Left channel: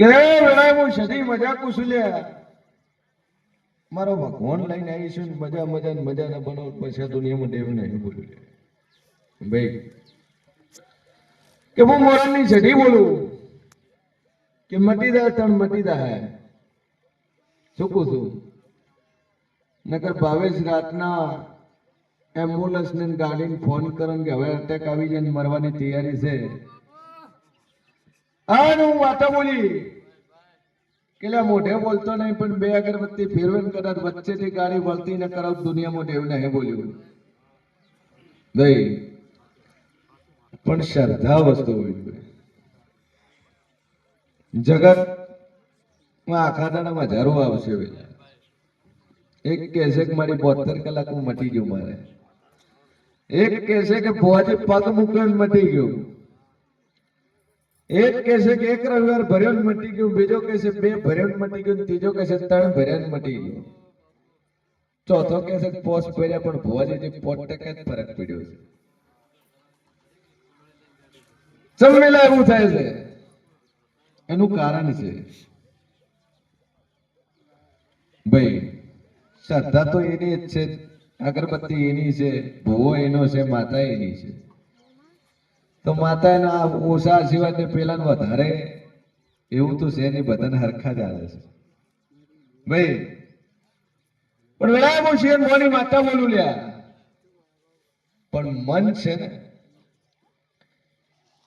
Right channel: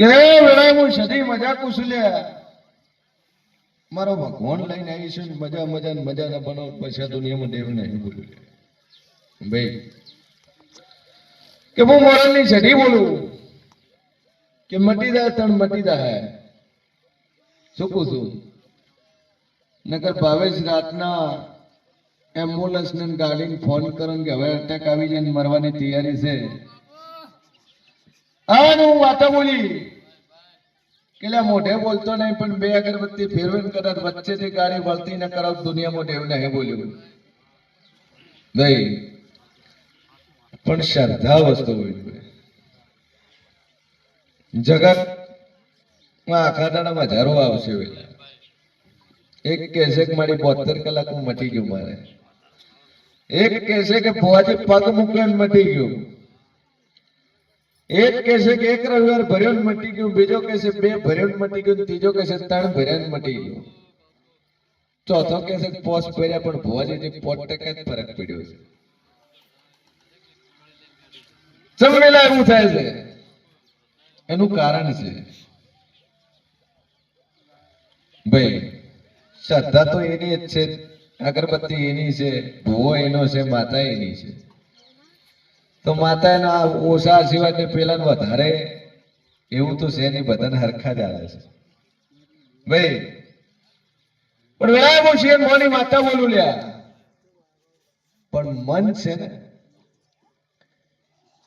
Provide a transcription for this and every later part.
કે વેળાએ હું સદી મજા કુશલ્યા મારો ભગવાન લઈને આવી છું મજા મજા ને મજા ના બનાવ પછી દુનિયામાં દેવ નહીં બોલું ભાઈ કે હું મોરલની સદી બોલું કે મટી જાય તણ મટી જાય શું કહું છું નકર ભાવેશ રાતના એમ્બ્યુલન્સ ને ગાડીને ફોન કરો કે હવે અટેક આવી જાય ને મરવાની તૈયારી છે હું વાતા બોલી કે મોઢે બોલતો નહીં પણ બે અગરબત્તી ફેરવે કદાચ વચ્ચેથી ગાડી વળતી ન કરાવ દુનિયામાં દેવ નહીં બોલ્યું ભાઈ પણ શ્રદ્ધા વસ્તુ હોય જગત આખા દાડામાં હજારો આવશે એક કહેશે કે મારી 72 કલાકમાં મટી ગયું મારે એક કહેશે કે ભુવાજી પગ મૂક્યો મટી ગયું એક કહેશે કે એક રવિવાર ભર્યો ને મટી ગયું બીજો કહેશે બે ભર્યો ને મટી ગયું ત્રીજો કહેશે 3 ભર્યા ને મટી ગયું ચોથો કહેશે પોસ ભર્યા પણ ભુવાજી 5% જ ફરક પડ્યો છે સમજેલા એવું થાય છે એનું કારણ છે ભાઈ શ્રદ્ધા તો એની જ છે અગરબત્તી એની છે ભૂવો એનો છે માતા એની છે તો માતાના ઓછા આશીર્વાદ ને પેલા વધારે એવું તો છે નહીં બધાને હરખા જ આવે છે ભાઈ પણ વેળા બહુ છે મોની માતા બોલું લ્યા પણ મન છે ને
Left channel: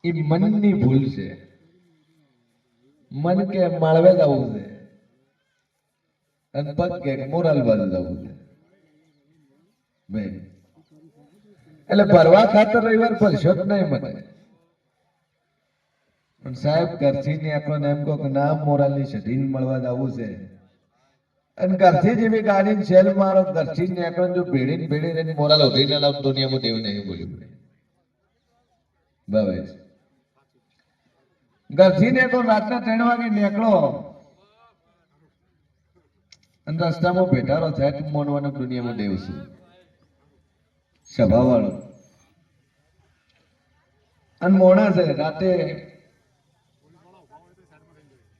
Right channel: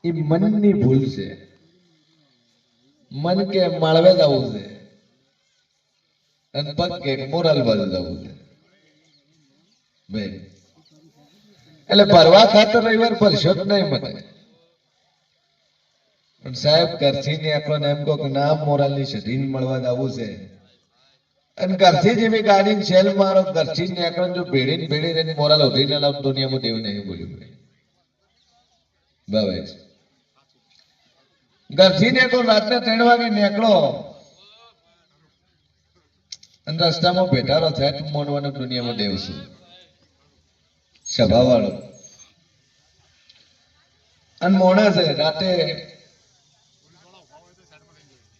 એ મનની ભૂલ છે મન કે માળવે જવું છે અને પગ કે મોરલ બાજુ જવું છે ભાઈ એટલે ભરવા ખાતર રવિવાર ભરશો જ નહીં મને પણ સાહેબ ઘરથી ની આપણને એમ કહો કે ના મોરલની સઢીને મળવા જવું છે અને ઘરથી જેવી ગાડી સેલ મારો ઘરથી ની આપણને જો ભેડી ભેડી રહીને મોરલ ઉઠીને લાવ દુનિયામાં દેવ નહીં બોલ્યું બસ ઘરથી નીકળો રાતના 3 વાગે નીકળો અને રસ્તામાં ભેટારો થાય તો મોનવાનું દુનિયામાં દેવ છું સભા વાળો અને મોણા છે રાતે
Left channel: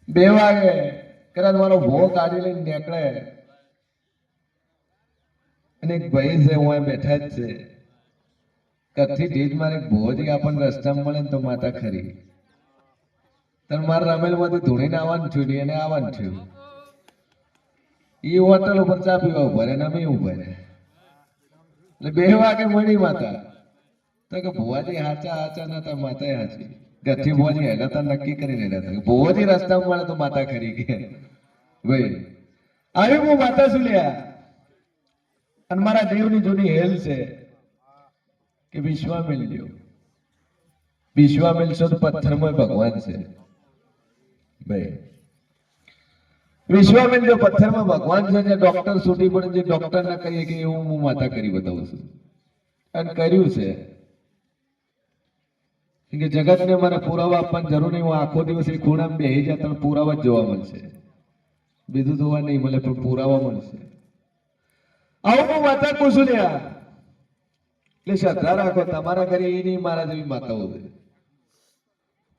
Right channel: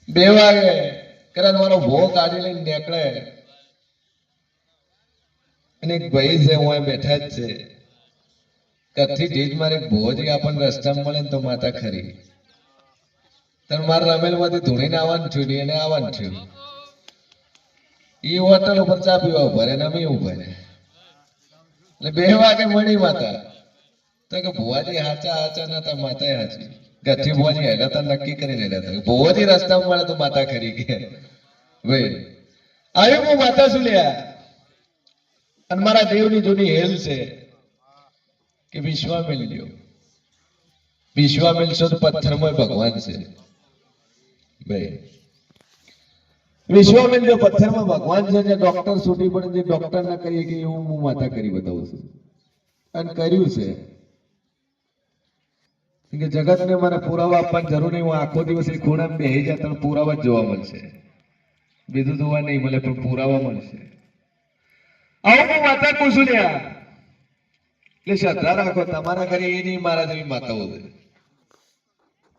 2 વાગે કદાચ મારો ભો ગાડી લઈને નીકળે અને એક ભાઈ છે હું બેઠા જ છે કથી ઢીજ મારે ભોજી આપણને રસ્તામાં મળે ને તો માતા ખરી તને મારે રમેલ માંથી ધૂણીને આવવાનું થયું ને એને આવવાનું થયું એ હોટલ ઉપર ચા પીવા ઉભા રહે ને અમે ઉભા રહે એટલે 2 વાગે મળી માતા તો કે ભુવાજી હાચા હાચા નતા માતા હાચી ગઠ્ઠી ભુવાજી હેલા તા નક્કી કરીને હેલા તા ભુવાજી રસ્તામાં મળે તો માતા ખરી કે ભાઈ આવ્યું હું માતા શું લ્યા અને મારા દેવની જૂની હેલ છે કે વિશ્વામિલ લ્યો વિશ્વામિલ છો તો પથ્થરમાં ભગવાન છે ભાઈ વિશ્વામિલ જો પથ્થરમાં ભગવાન છે જે ડોક્ટર છૂટી પડે જે ડોક્ટર ના કરીએ કે એવું હું માતા કરી બતાવું છું અને કર્યું છે કે જગતને મારે પુરાવા આપવાની જરૂર નહીં હું આખો દિવસ એ ખૂણામાં બેસી જાય તો પુરાવા જ જોવા મળશે બીજું જોવા નહીં મળે પણ પુરાવા મળશે આવું હું માતા પૂછું ને એટલે શ્રદ્ધા રાખો તમારા ઘરે એ નહીં મારા જેવી માતાઓ છે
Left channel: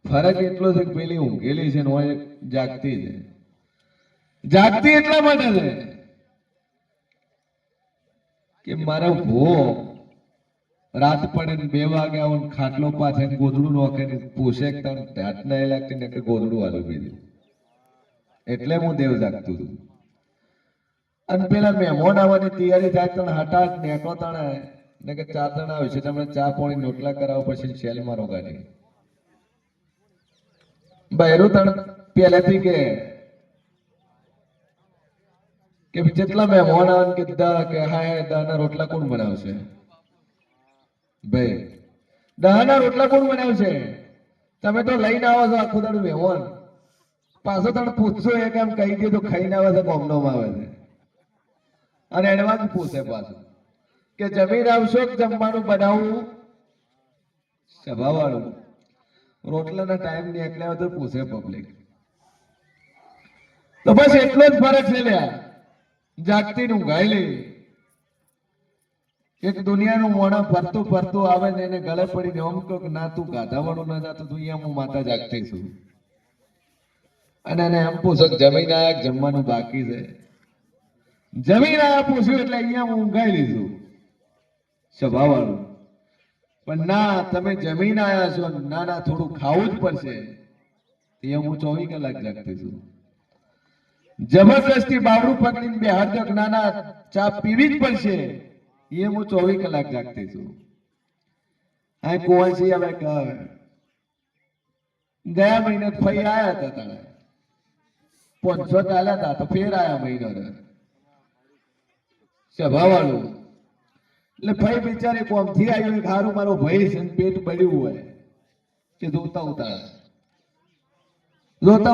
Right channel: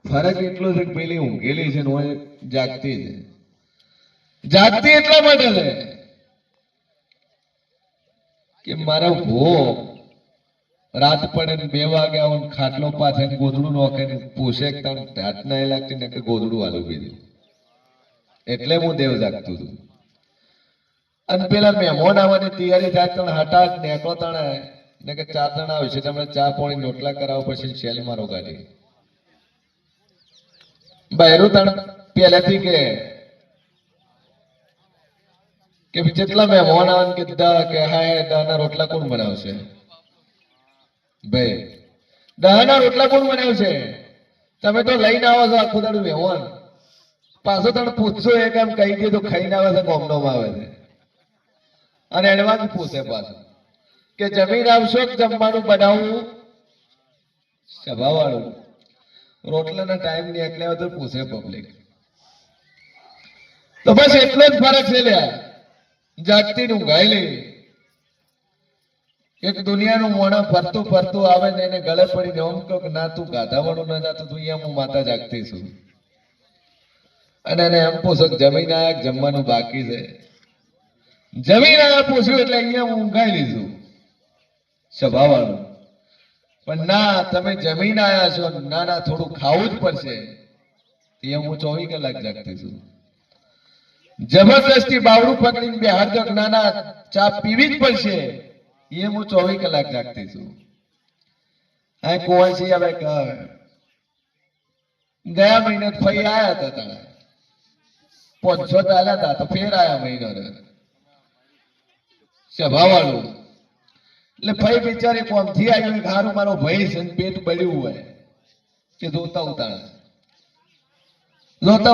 ફરક એટલો છે કે પેલી ઊંઘેલી છે ને જાગતી છે જાગતી એટલા માટે છે કે મારો ભો રાત પડે ને 2 વાગે આવો ખાટલો પાથે ગોદડું નોખે ને પૂછે હાથ ના એ લાગતી ને ગોદડું વાલું બીજું એટલે હું દેવ જાગતું હતું અને પેલા મહેમાન આવવાની તૈયારી થાય તને હટાટ નેકળો તણે ને કે 4 જણા આવશે તમે ચા પાણી રોટલા કરાવો પછી શેલ મારો ગાડી બહેરું તણ પહેલેથી કે જેટલા મહેમાન આવે કે હા દાના રોટલા કોણ બનાવશે ભાઈ દાના રોટલા કોણ બનાવશે તમે તો લઈને આવો છો આખું દાડું મહેમાન પાછો તને પૂછશો એ કામ કહી દે તો ખાઈને આવે છે ગોમનોમાં આવે છે અને એડવાન્સ પૂછે પાછું કે જમીન આવશો જમવાનું બનાવવું સભા વાળું રોટલાના ટાઈમ ની એટલે તો પૂછે પબ્લિક તો બસ એટલો જ ફરક છે લ્યા જાગતી નું ગાયલી એક દુનિયાનું મોણા ફરતું ફરતું આવે ને એને ગળે પડીને એમ કહો કે ના તું ગાધાવાનું ના જાતો તું અહીંયા હું માતા જાગતી છું અને એને એમ પૂછો કે જમીન આયા કે જમવાનું બાકી છે. જમીન આયા પૂછ્યું એટલે અહીંયા ઊંઘાઈ લીધું સ્વભાવવાળું. પણ ના, તમે જમીન આયા છો, ના ના થોડું ખાવું જ પડશે. એ હું 24 કલાક જાગતી છું. જબરદસ્તી બાવડું પકડીને બેહાર દો, ના ના ચા પીવી જ પડશે. એ હું 24 કલાક જાગતી છું. આ કુંવરજી હવે ગયા મહિને ફઈ આયા હતા તાણે 500 ચાલ્યા હતા તો ફેર આયા મહિનો સ્વભાવવાળું. એટલે ફઈ બિચારી કોમથી આવી ખારું મારો ભાઈ છે પેટ બળ્યું હોય કે જોતા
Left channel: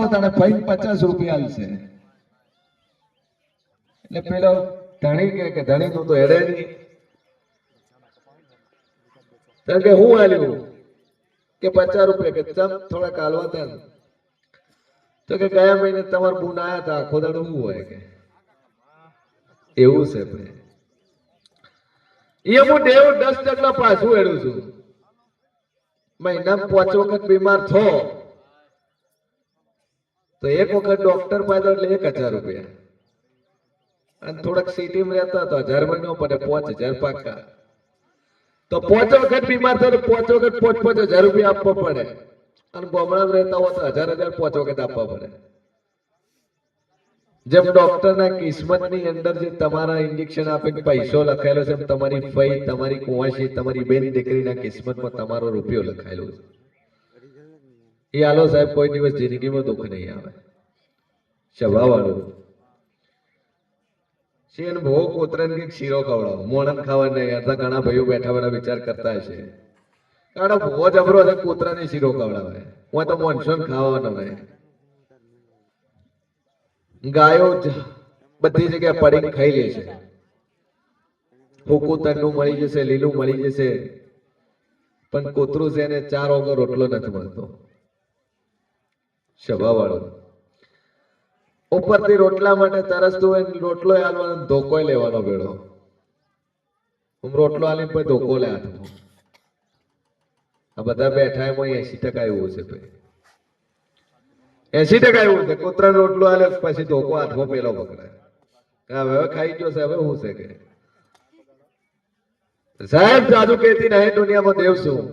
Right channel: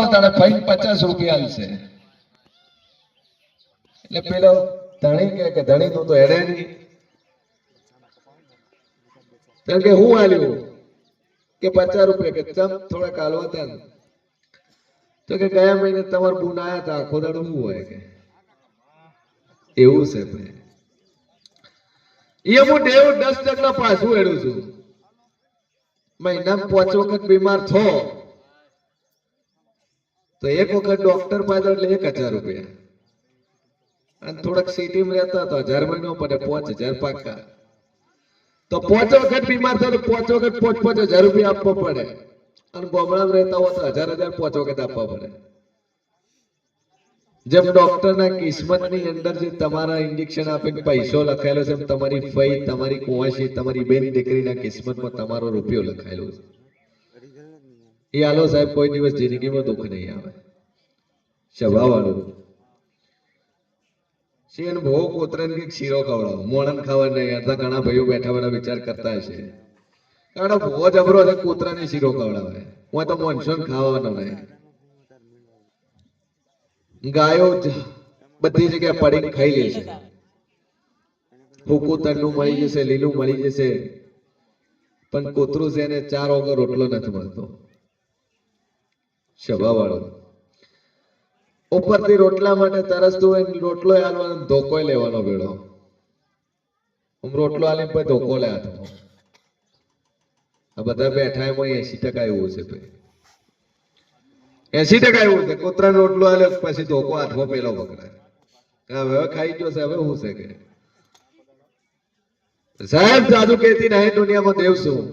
ઉતાળે ફઈ 50 રૂપિયા આલશે. એટલે પેલો ધણી કે ધણી તું તો હેડે નહીં. કે હું આલ્યું કે 50 રૂપિયા કે ચમ થોડા કાલવા હતા ને. તો કે ગયા મહિને તમાર બુન આયા હતા આખો દાડો શું હોય કે એવું છે ભાઈ. એ હું દેવ 10% પાછું હેડું છું. મહિનામાં 5 વખત બીમાર થો તો એક વખત ડોક્ટર પાસે એટલે 1000 રૂપિયા. અને થોડાક સિટીમાં રહેતા તો 1000 મહિનો પડે 5000 પાકા. તો 5 વખત બીમાર થયો તો 5 વખત 5,000 રૂપિયા આપવા પડે. અને ગામડામાં રહેતા હોય તો 1000 5 વખત આપવા પડે. જેમ ડોક્ટરના કિસ્મતની અંદર જે તમારા ઇન્જેક્શન આપીને પૈસો લખાયેલો છે, તમારી ફઈ, તમારી કુંવાસી, તમારી બેન દીકરીના કિસ્મતમાં તમારો રૂપિયો લખાયેલો છે. એ આલો સાહેબ કોઈ દિવસ જિંદગીમાં દુઃખ નહીં આવે. સ્વભાવવાળું શેન ભો કોતરન કે શીરો ખવડાવો, મોણન ખાવા નહીં. આ ઘણા ભાઈઓ બેઠા બેઠા વિચાર કરતા હશે કાડો ભો જબરો છે કોતરાની શીરો ખવડાવે. હું તો મોનસૂન ખાવાનો નહીં. ગાયો બધી જગ્યાએ પડીને ખાઈ લે છે. હુકુ તરનું મળી જશે, લીલું મળી જશે, પણ કૂતરું છે એને 4 વગર રોટલો નથી મળતો. સ્વભાવવાળો ઉપરથી રોટલા માટે તરસતું હોય, રોટલો આલવાનો ધોકો લેવાનો ભેળો. રોટલો આલીને પછી ધોકો લે હાથમાં. આ બધા બેઠા એમાં 80% એવું છે ભાઈ. 80% એવું છે. કૂતરાને રોટલો આલે પછી ધોકો હાથમાં પેલો પકડાય. હવે ખાઈ ગયો છે, હવે શું છે કે સાહેબ જાદુ કેતી નહીં દુનિયામાં દેવ શું.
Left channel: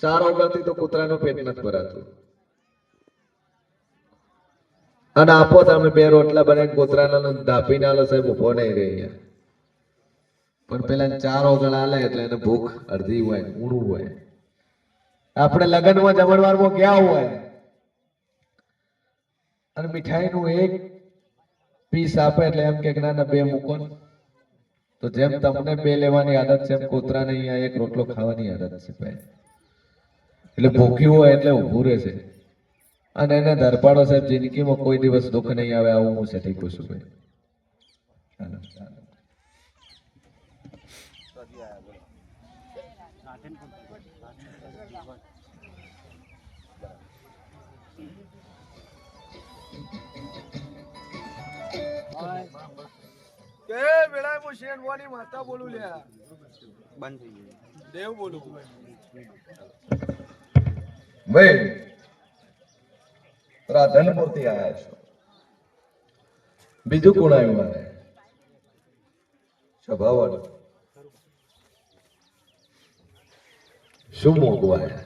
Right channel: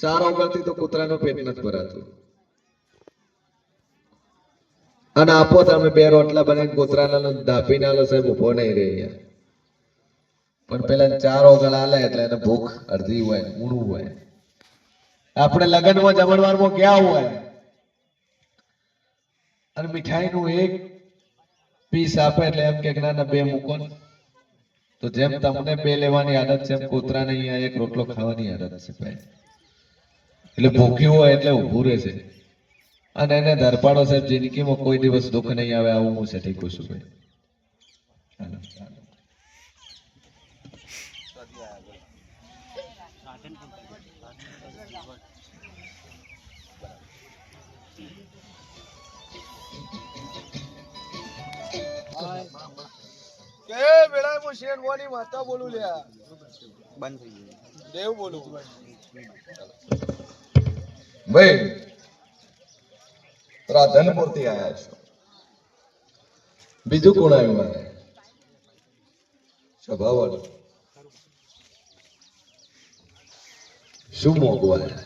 4 ઓગળથી તો કૂતરાનું પેટ નથી ભરાતું. અને આપો તમે 2 રોટલા બનાવીને કૂતરાના ધાપીને આલો સાહેબ ઉભો નહીં રહે અહીંયા. પણ પેલા 4 ઓગળ આલે એટલે એને ભૂખ અડધી હોય, ઊણું હોય. આપણે લગ્નમાં જમણવારમાં ગયા હોય અને મીઠાઈનું 1 પીસ આપે એટલે એમ કે ના ના 2 મૂકો. તો જેમ તમને 2 લેવાની આદત છે, એમ કૂતરાને અહીંયા 1 રોટલો ખાવાની આદત છે ભાઈ. એટલે ભૂખ્યું હોય એટલે ઊભું રહે છે. અને એને ધરપાડો સાહેબ જિંદગીમાં કોઈ દિવસ દુઃખ નહીં આવે. આવું હું સઠી કહું છું ભાઈ. કે બેડા હું શેનવાની માતા બોલું લ્યા બંધ થઈ ગયું દેવ બોલું ભાઈ. રાધનપુરથી આયા છો, બીજું કોણ આવ્યું મારે? સ્વભાવવાળું શું મોગું આવ્યા?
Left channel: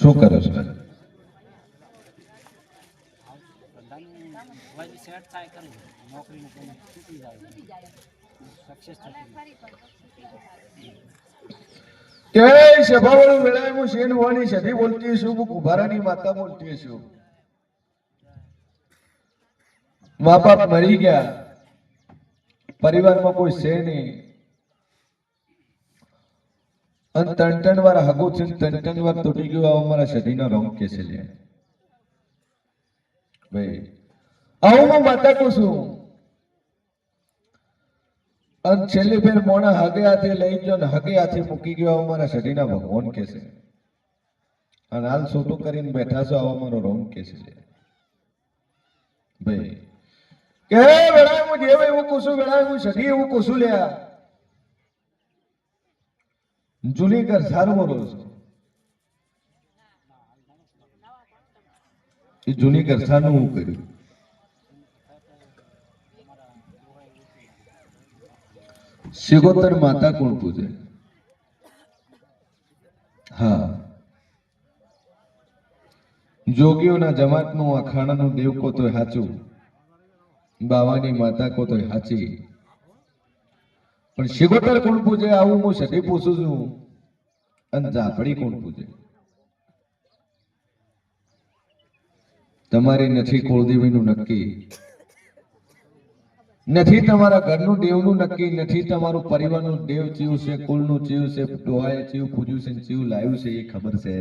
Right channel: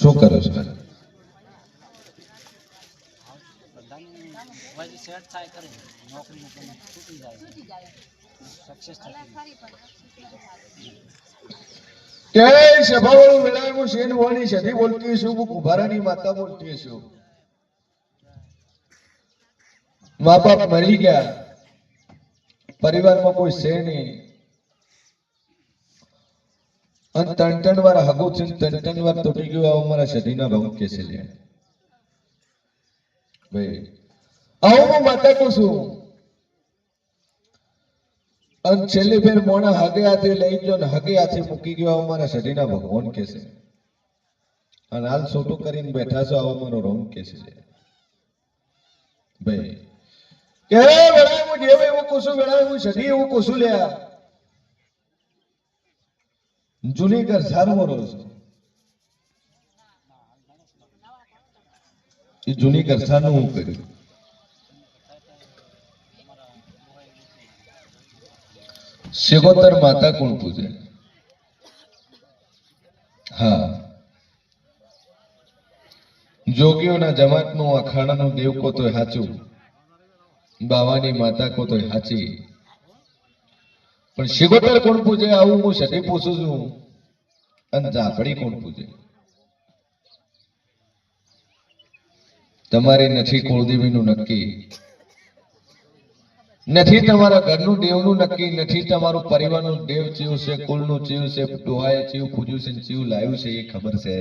શું કરો છો? કે સભાવાળું વેળાએ હું શેનવાની સધી બોલતી છું, હું કુંભારાની માતા બોલતી છું. મા બાપ મરી ગયા, પરિવારમાં કોઈ છે નહીં, અને 3 વાર હગું છે, 3 વાર તૂટી ગયું. આવો મારા સધીનો રોગ કે છે ભાઈ. આવું હું માતા કહું છું. અને છેલ્લી ફેર મોણા હગે હાથે લઈ ગયો ને હગે હાથે મૂકી ગયો. આવો મારા સધીના ભગવાન કે છે. અને હાલ છોટું કરીને બેઠા છો આવો મારો રોમ કે છે ભાઈ કે વેળા હું જેવ એવું કુસું વેળા હું સધી એવું કુસું લ્યા જૂની ઘર સારું મરો છો એ જૂની ઘર સારું હું કર્યું શિગોતર માતા કોણ પૂજે હા જોગીઓના જમાતનું અખાણાનું દેવ કો તોય હાચું બાવાની માતા કો તોય હાચી પણ શિગોતર કોણ પૂજે આવું હું સધી પૂછું છું અને ઝાપડી કોણ પૂજે તમારી નથી કુળદેવીનું નક્કી નથી તમારા ઘરનું દેવનું નક્કી નથી તમારું પરિવારનું દેવ ચીવ છે કુળનું ચીવ છે ડોહાએ ચીવ પૂજ્યું છે ચીવ લાવ્યું છે એ ખબર છે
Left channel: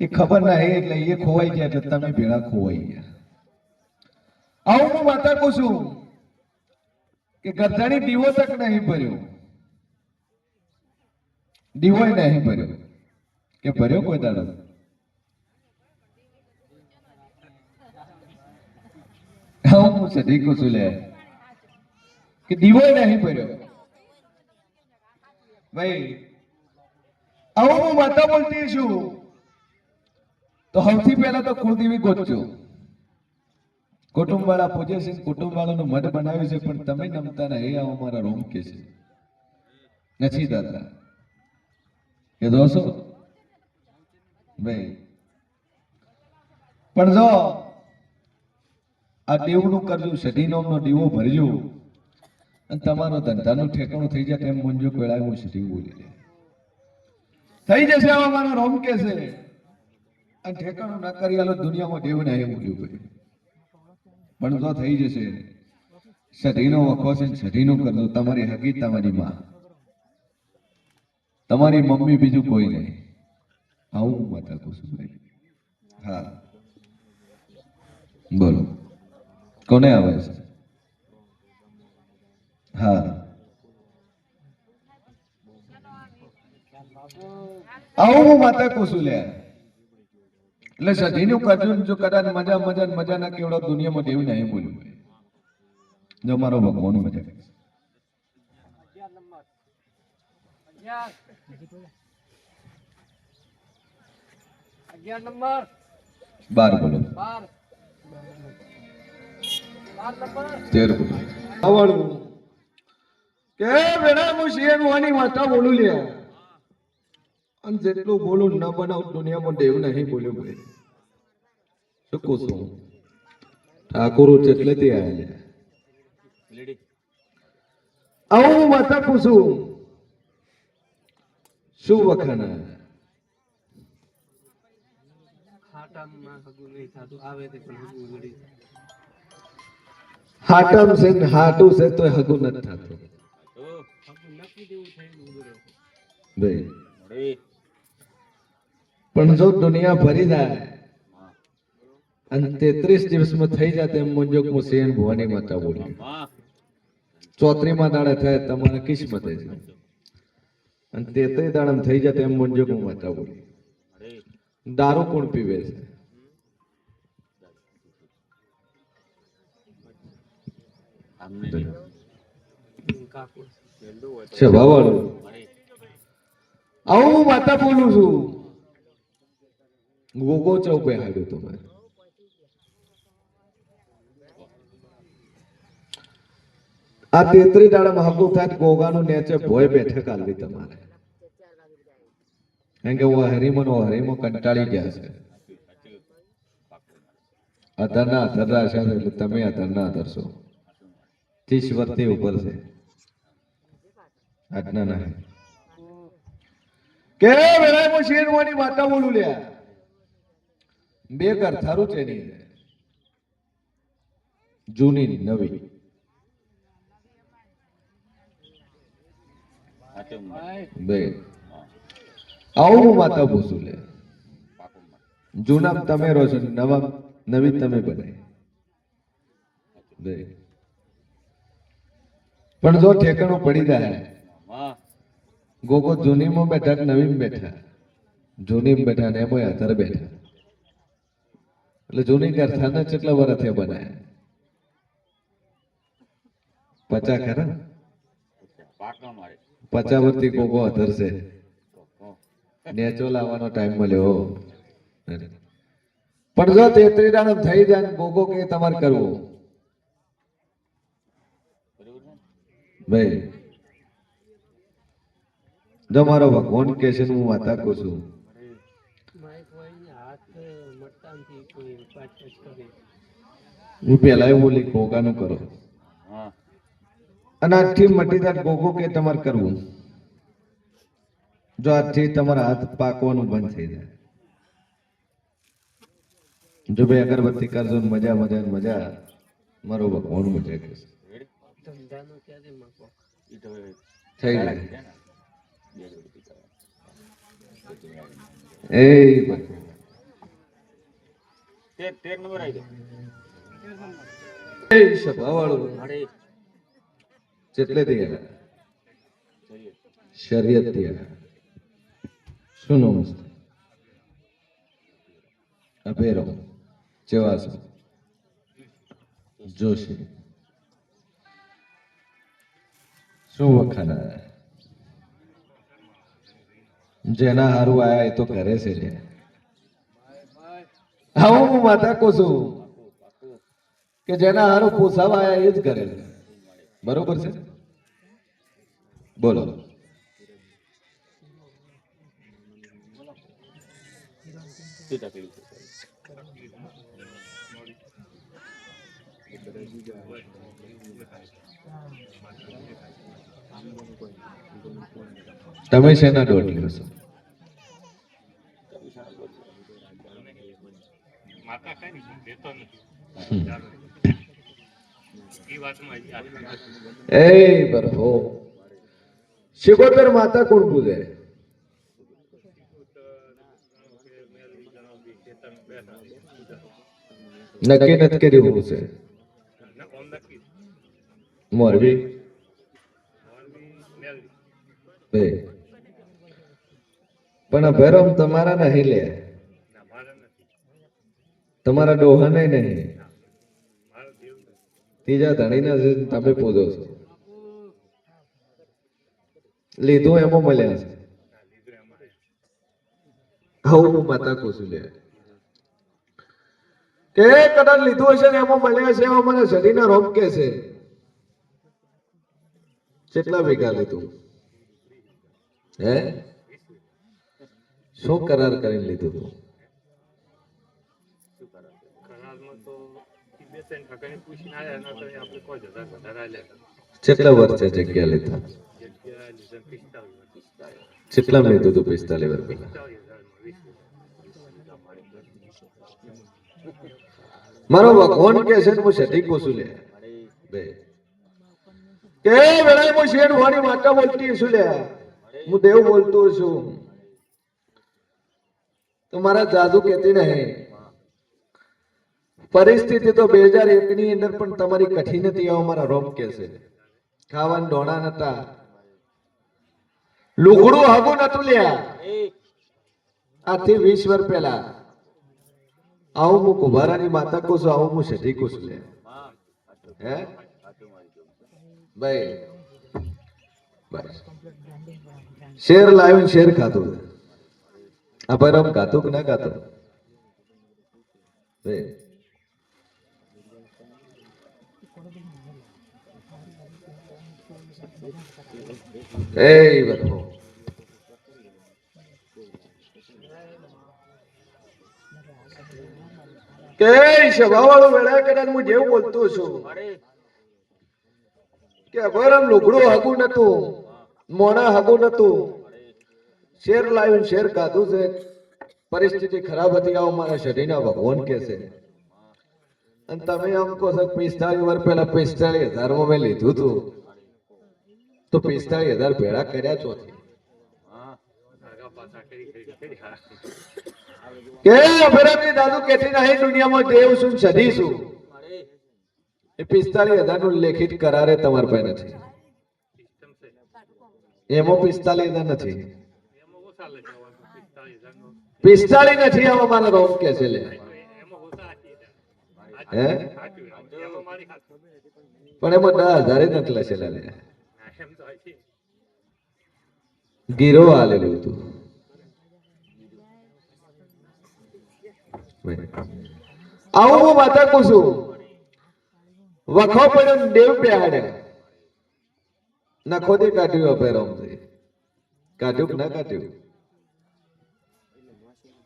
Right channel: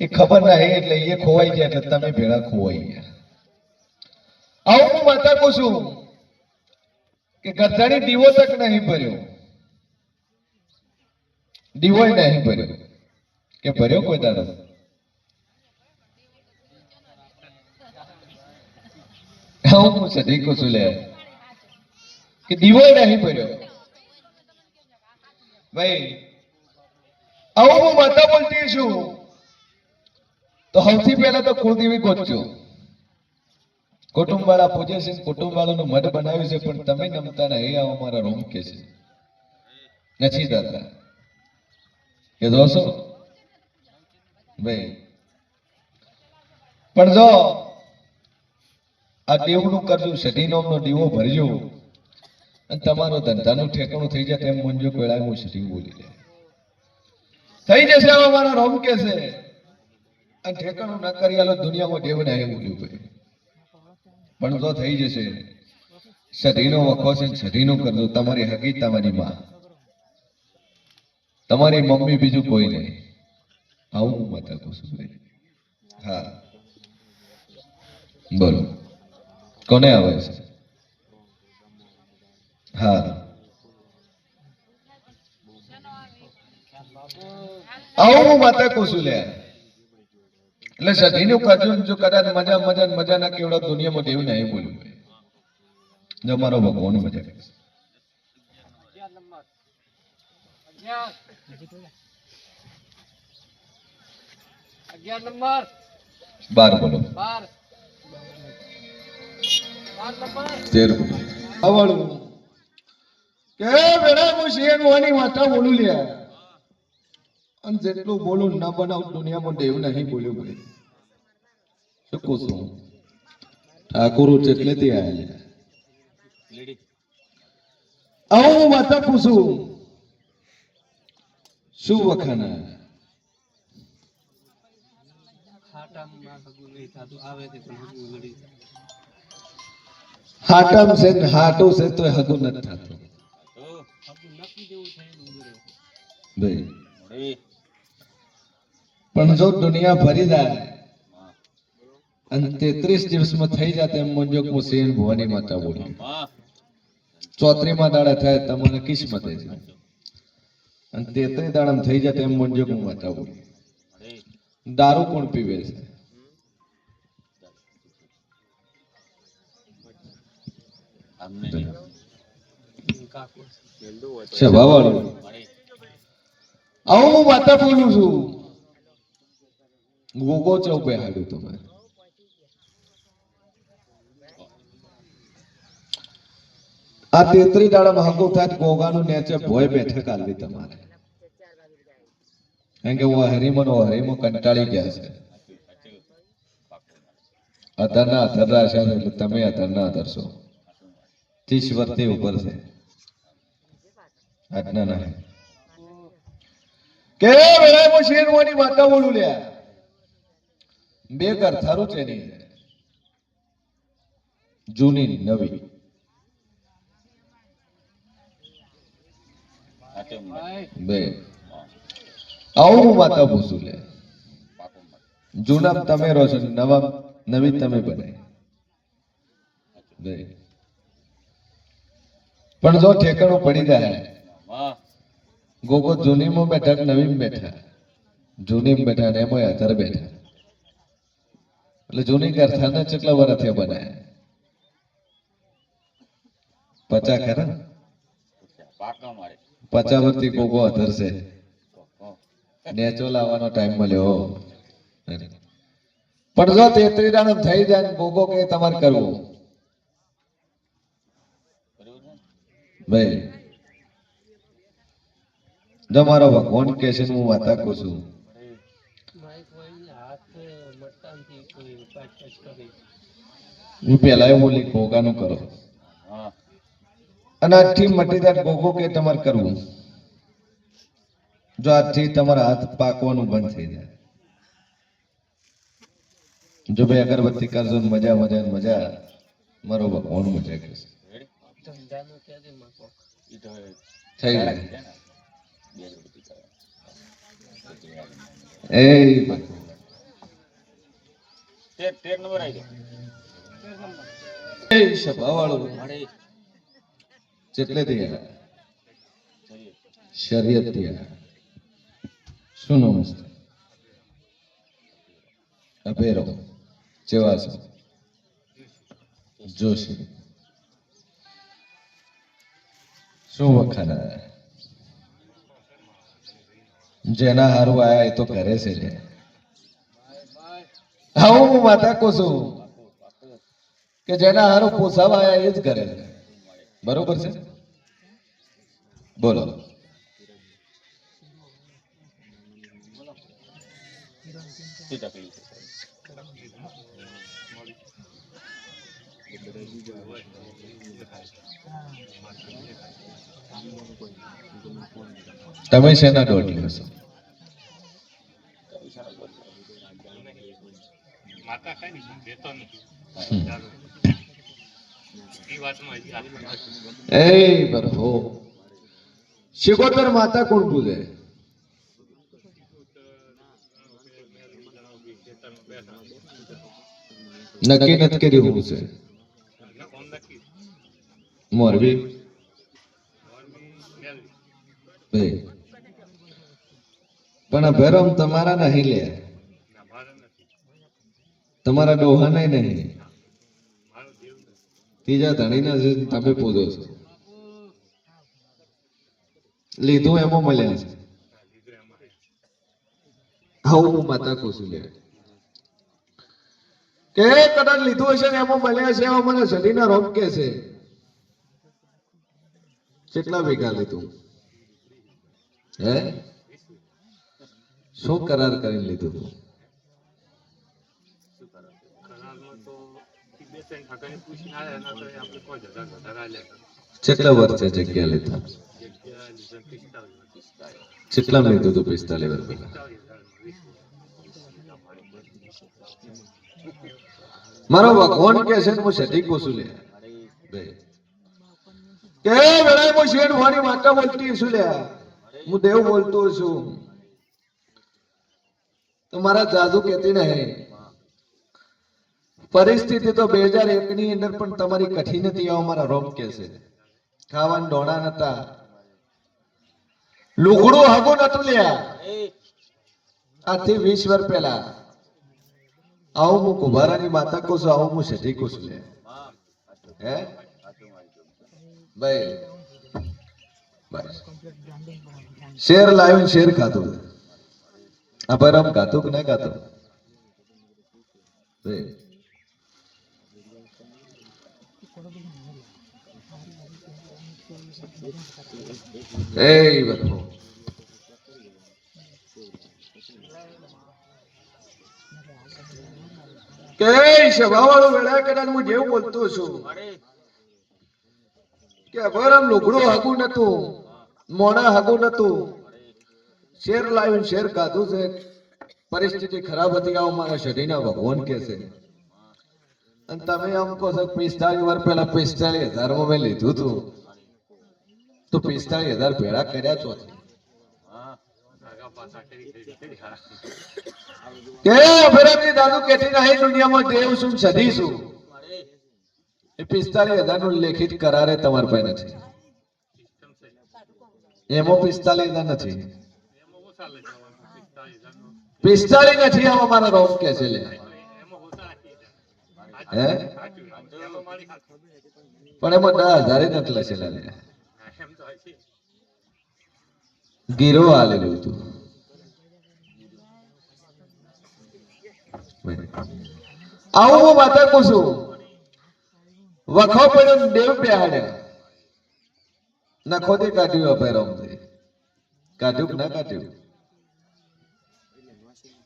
એ ખબર નહીં એટલે એ ખોવાઈ ગયા એટલે તમે ભેળા ખોવાઈ ગયા આવું હું માતા કહું છું કે ગરજાની દીવો તક નહીં ભર્યો દીવો નહીં ભર્યો કે ભર્યો કોઈ દાડો હું સદી કહું છું લે કે દીવો નહીં ભર્યો ભાઈ આવું હું માતા બોલતી છું તો સૌથી પહેલા તો કુળદેવી ગોતજો કુટુંબ વાળા પૂજે છે કુટુંબ વાળાનું મઢ બનાવ્યું છે પણ તમે નમતા નહીં આવો મારા રોમ કે છે નથી દાદા કે દોસ્તો ભાઈ પણ જો આ દેવનું કરજો સધી નોમનો દીવો ભરજો અને તમારો ધંધાનું ઠેકાણું થઈ જાય તેમ મુંજો કોળાય હું સધી બોલી લે થઈ જશે આવા મારા રોમ કે છે અને ઠેકાણું ન કરી આલો દુનિયામાં દેવ નહીં બોલ્યું ભાઈ પણ જો થઈ જશે સધીનો વખો છે સધીનું કરજો તમારી હકી તમારી માં તમારી મમ્મી બીજું કોઈ નહીં આવું હું માતા કહું છું ભાઈ હા બોલો કોને આવે છે હા આવું હું માતા કહું છું લે એટલે સધીનું કરજો જો કદાચ મજા ના કેવડા દુનિયામાં દેવું નહીં બોલ્યું જો મારો ભગવાન મજા કરે નંબર 12 બોલો 13 બોલો આવડું કે વેળા હું શિયન વાની માતા બોલું લ્યા અને જેટલું બોલું ન બનાવ દુનિયામાં દેવ નહીં બોલ્યું ભાઈ શું કહું છું ઠાકોરો જેટલે તે આયા આવું હું માતા પૂછું શું વખાણા હાટમ છે ને હાટું છે તો હગું નથી થતું ભાઈ પણ જો દુનિયા ભરી જાય અને 33 દિવસમાં થઈ જાય તેમ મુંજોક હું સેન ભવાની માતા બોલી 34માં દાડે થાય તમને કિસ્મત છે અને 33 દાડામાં થઈ જાય તેમ મુંજોક હું માતા બોલી દારૂ કોણ પીવે છે સ્વભાવવાળું આવું હું માતા બોલું છું ગોગો ચૌક બેહાડ્યું તમે આ 33 દાડામાં હગું થાત ગોગાનું નેચે ભોય બેઠક આલવી તમારે કેમ કે હું હરીમો કંટાળી ગયા છે અધરના અધરના છે એટલે તમે અધરના અધરશો 30 વર્ષથી ઉપર છે આજના ના કે વેળા હું શેરવાની માતા બોલું લ્યા બે ઘર થારું છે ની જૂની નવી બે આવું હું માતા પૂછું લે જૂના તમે રહો છો નવી તમે બનાવી બે પણ જો ઠેકાણું પડી જાય ગોગો જૂનીમાં બેઠા નવીમાં બેઠા જૂની બેઠા ને એમાં આધાર બેઠા એટલે જૂની ગરથાના કેટલા વર્ષ થયા બનાયા 50 ખરા 50 વર્ષથી કોકો આધાર છે નેચો લાવવાનો ટાઈમ મળ્યો પણ જો 33 દાડો થઈ જાય ને કોકો કે તમારે કરવું ભાઈ જો મારો ભગવાન કે છે હું વાતા કહું છું હું પેલા બોલી કોકાનું કરો અને આજથી મટી જાય કોકો કે તમારે કરવું જો આજથી તમારા હાથ પાકવાનું બંધ થઈ જાય જો ભાઈ અગરબત્તી કરજો ને મજા મજા ને મજા મારો ભગવાન મજા કરશે થઈ જાય એ સભાવાળું જેટલે થયા શરીયત થયા શું નમસ્તે અભેરો ચેવાસો જોશી શું વખાણા જેના હારું આયા એ તો કરે છે લે હા હું માતા કહું છું કે જેના હારું પોસાવા આયા એ જ કરે છે બરોબર છે બોલો તમે શેના દોઢ લ્યો છો એ બરહો શિકોતર માતા કોણ પૂજે નક્કી નથી કર્યું હું છે મોરબી પણ આ ભેરમ તમારા નહીં લે તમારા ડોહા નહીં ત્રીજા ધણીના જે તમે પૂજો છો લીધું એમાં મળ્યા છે હું માતા કુશું લે કે કદાચ લીધું હશે ને એમાં મળ્યા છે એમાં મને શરીરના રોગ કે છે કેટલા વીઘા લીધું હે શું કરાર કરીને લીધું તું કેટલા વર્ષે જગ્યા લીધા કેટલા લીધું તું 45 વર્ષ પહેલા મારો ભગવાન કે છે હું સધી કોશું લે કે વેળાએ હું શેઠ વાણી માતા બોલતી છું લે હું દેવ બોલતો છું તો મારા જાદુ કહેતી નહીં પરિસ્થિતિ તો 2001 ની અંદર પણ તમારી કઠિન હતી અમારા રોગ કે છે ખાવાનું ડોણા નતા લુગડું હગું નતું લ્યા આજથી 20 વર્ષ પહેલા આવું હું કુંભારાની માતા કહું છું આવું હું સધી કહું છું લે હે ભાઈ બસ શેર લાવ્યું શેર ખાતું આ પરમ ખાતું કે ના ખાતું એ બધું કે સભાવાળો વેળા કદાચ હું જેવું બોલતો છું કે બરમ લુગડું હાગું નતું મોણા હાગું નતું શેર લાવ્યું શેર ખાધું છે પરિસ્થિતિ ખરાબ હતી આવો મારા શરીરના ભગવાન કે છે અને તમે આમ કહો છો 45 વર્ષ પહેલા 45,000 માં મેં લીધું હતું તો 45,000 ભેળા કર્યા ચોથી કે અભિરામની દાદુ કેતી નહીં દુનિયામાં દેવ છું સધી છું એ 45,000 નું લેખિત કરારે તમારી પાસે નથી એમાં 45,000 નથી 45 નથી આવા મારા રોમ કે છે લે હે પણ એમાં 10,000 નથી લખેલા લે ગીરો આલેલું હતું આવું હું માતા કહું છું વખો પડ્યો દેવ બેહાડ્યા નખો દે કાઢ્યું અભેરોમ કાઢ્યું કે ના કાઢ્યું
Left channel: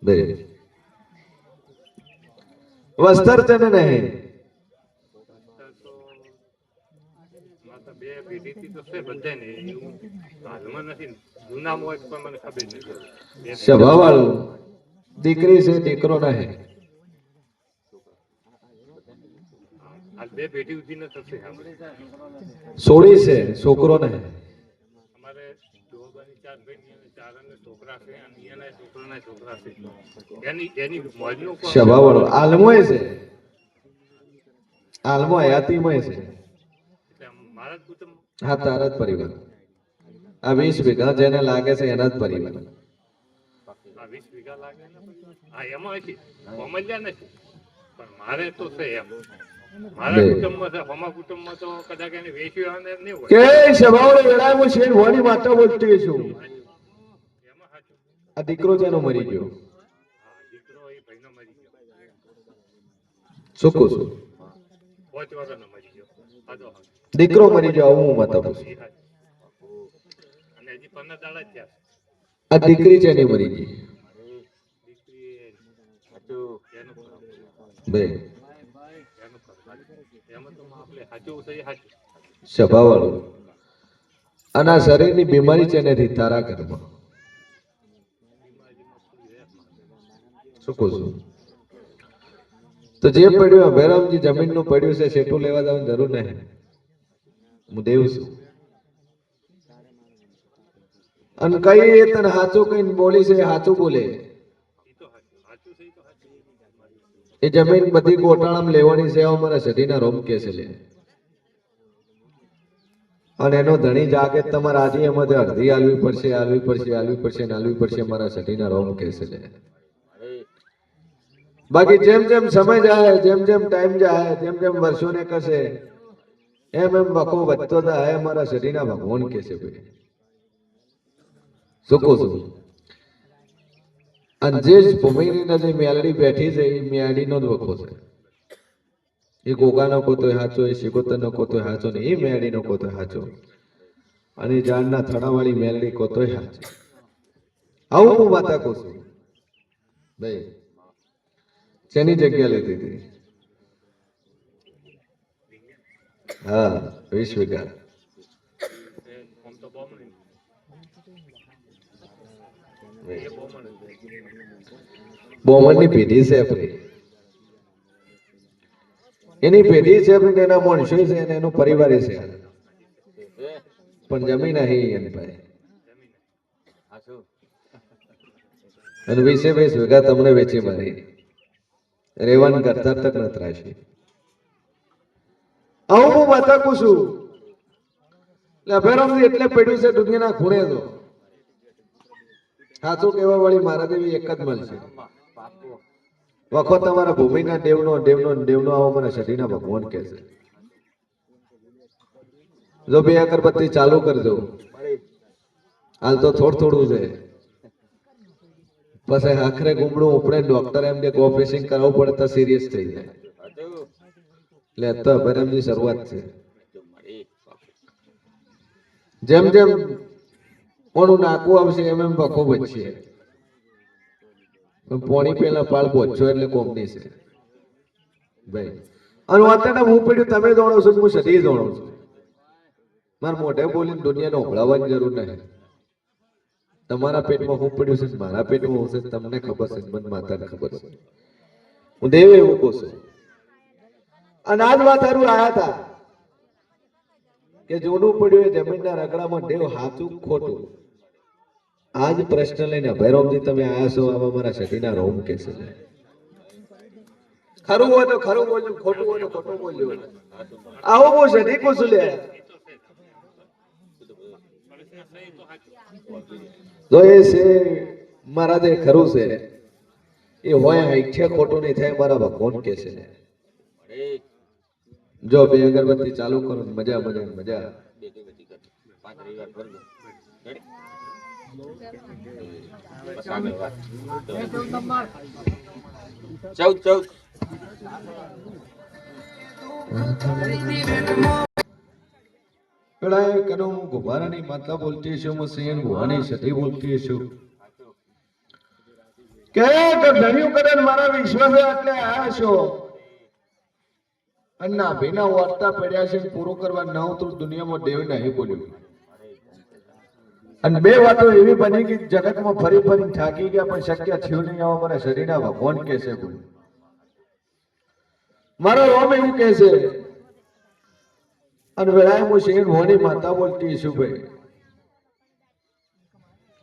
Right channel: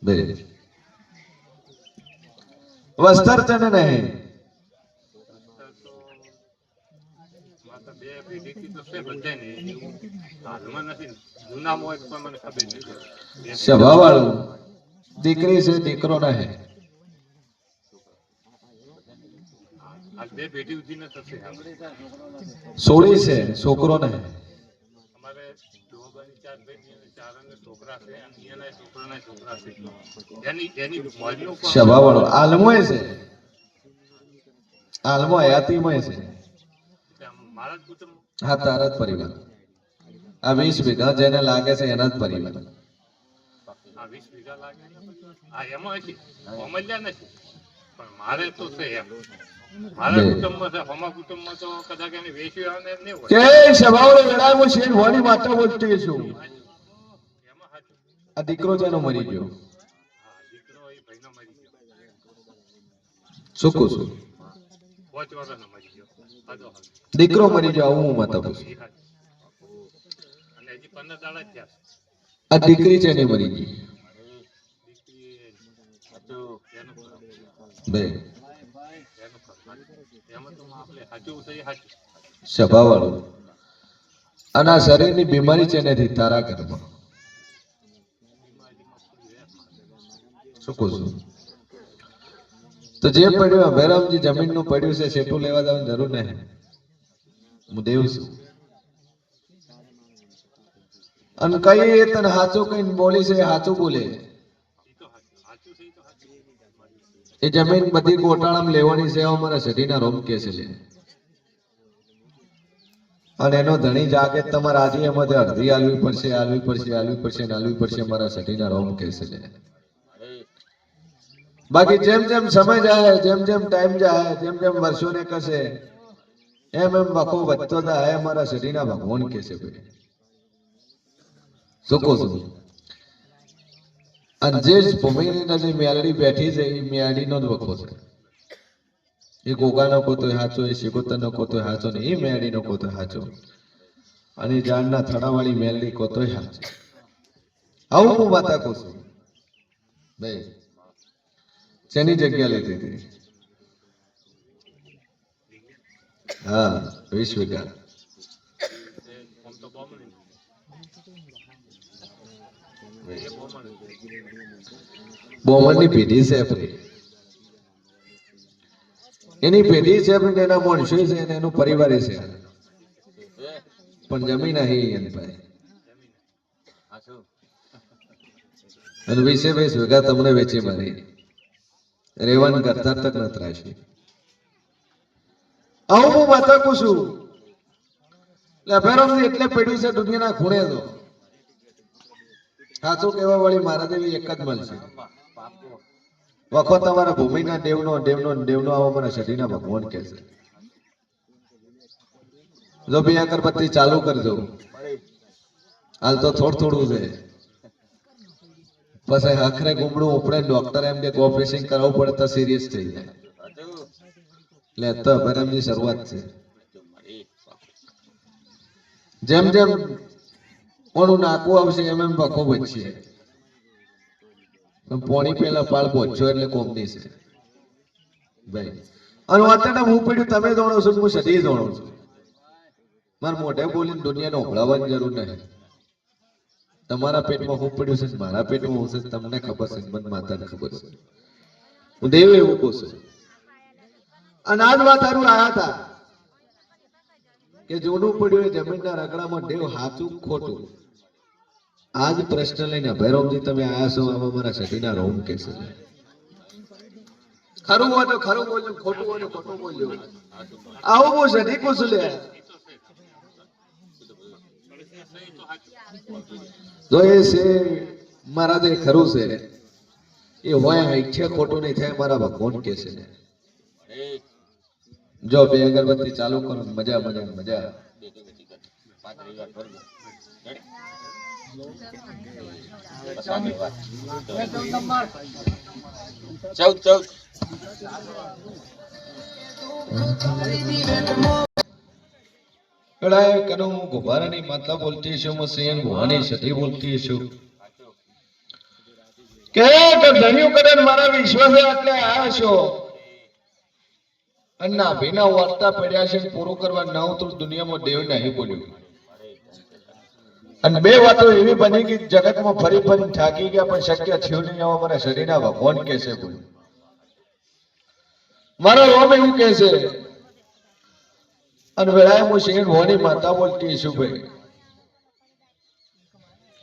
બે વસ્તર તને નહીં સભા વાળું દીકરી છે દીકરો નહીં સોળી છે છોકરો નહીં સભા વાળો આલમોય છે આલમો હયાતીમય છે હા તારા જ પરિવાર આ 20 વીઘા જેને લાગે છે એના જ પરિવાર મારે તો છે એમ મારા કુટુંબમાં છે હમા કુટુંબમાં તો કદાચ એને વેચ્યું આવે એમ નહીં હોય કે સભાવડે વેળાએ હું શેર હોની માતા બોલતી છું આ દીકરો જેનો મરી ગયો દીકરો એ ભાઈનો મરી ગયો શું કહું છું 5 વર્ષનો મરી ગયો દીકરો મરી ગયો હું માતા પૂછું અને હજી 15 દાડા થયા આ દીકરી જેની મરી ગઈ દીકરી એનું બે એમાં તો આપણે સાચું છે એ સાચું સભા વાળું અને આ શરીરની બીમારી છે નથી તારા ઘરમાં શું કહું છું તો જે પડ્યું ભૈરવજી જમીનનું પડ્યું છે સેટું લેવા જવાની જરૂર નહીં હું દેવ છું અને કઈ એ તને સાચું કઈ બોલી છે સાચું બોલે એ જમીન બધી ગોટાળામાં લેવાની છે અમારા સઢીના રોમ કે છે લે અને એનો ધણી જાગે તમારે આજે એમાંથી અડધી આલવી પડશે આલવી પડશે આલવી પડશે ને આલવી પડશે અમારા સઢીના રોમ કે છે લે બાકી જેમ જેમ સમય જાય જેમ જેમ ટાઈમ જાય જેમ જેમ વર્ષોને કશે એમ એમ વખો વધતો જાય અમારા શરીરના ભગવાન કે છે ભાઈ શું કહું છું અને જે ભૂમિની જે મેલડી બેઠી છે એ મેળીનો જ વખો છે એ ગોગાનો કોતોય સાચો એ શિકોતરનો કોતોય સાચો ને એ મેળીનો કોતોય સાચો અને જાણના થડાવાળી મેલડી કોતોય સાચો આવું હું વાતા કહું છું ભાઈ શેની જગ્યા લીધી હતી હા 20 વીઘા બોમનની પેઢી છે આપણી એની પેઢી છે આપણી એના મનુષ્ય છે અને એનો પરિવાર છે પણ જમીન અહીં એમ ભાઈ અને 20 વીઘા તમને વેચી મળી રેવન કરતા તક ન ત્રાશી આવું હું માતા કહું છું ભૈરવજી એટલે પડ્યું છે દુનિયાના ખૂણે તો સાચું કહેવા વાળી મારા દેવી એક જ મળશે વખો તમારા ભૂમિના દેવનો દેવનો દેવનો આવો મને સઢીના ભગવાન કહે છે જો 2 અગરબત્તી ચાલુ કરજો હાલ તો થોડું છે પછી આખરે ગુમડું ઉપડે ડોક્ટર એમ કે ઓપરેશન કરાવવું પડે તો સિરિયસ થઈ જાય એટલે તો ભૈરવની શરૂઆત છે જેમ જેમ કોનું નાકું આવશે એમ એમ વખો બચશે પોણી પેલા પાળ પહોંચ્યો એટલે કોમની છે ભાઈ અને અત્યારે હું પડ્યું તમે જાણો છો હું સદી જાણું છું મારે મોઢે બોલીને દુનિયાને ઓગળવાની જરૂર નહીં તમારા પેટમાં હું પડ્યું છે મારા પેટમાં હું છે તમને ખબર છે મને માતાને ખબર છે હું દેવ એવું કહું છું અને આ જ વાત હારું આયા હતા કે જોનું પડ્યું એ જમીનના રગડામાં દેવ સાચું ખોટું આજ પ્રશ્ન લઈને ભૈરવજી તમે આયા છો આમાં મારા સતીના રોમ કે છે ખરું હોય તો ખરું બોલ્યું ખોટું હોય તો ખોટું બોલ્યું આવું બહુ સતી કુશું લે જો એ છે મારા જે ખરું છે એ હોય ઈચ્છે ખોટું નહીં થાય મારા ભગવાન કે છે જો બે અગરબત્તી ચાલુ કરો ને મજા મજા મજા કડાય કનો હું ગુબારાની માતા બોલતી છું હું સિંહ ભવાની સતી બોલતી છું કે ધન્યું કદન મારા વિશ્વાસે આટલે આયા છો અન્ના ભીના વાર્તા પડ્યા છે પૂરું કરવા ના તો દુનિયામાં દેવ નહીં બોલ્યું અને બે વાતો એવી બની કે જગતમાં ફરી ફરી થાકી ગયા પણ શક્ય થયું નહીં આવા મારા શરીરના ભગવાન કે છે બોલ મારો રોમ એવું કે છે અને વેળાએ હું સિંહ ભવાની માતા બોલતી છું ભાઈ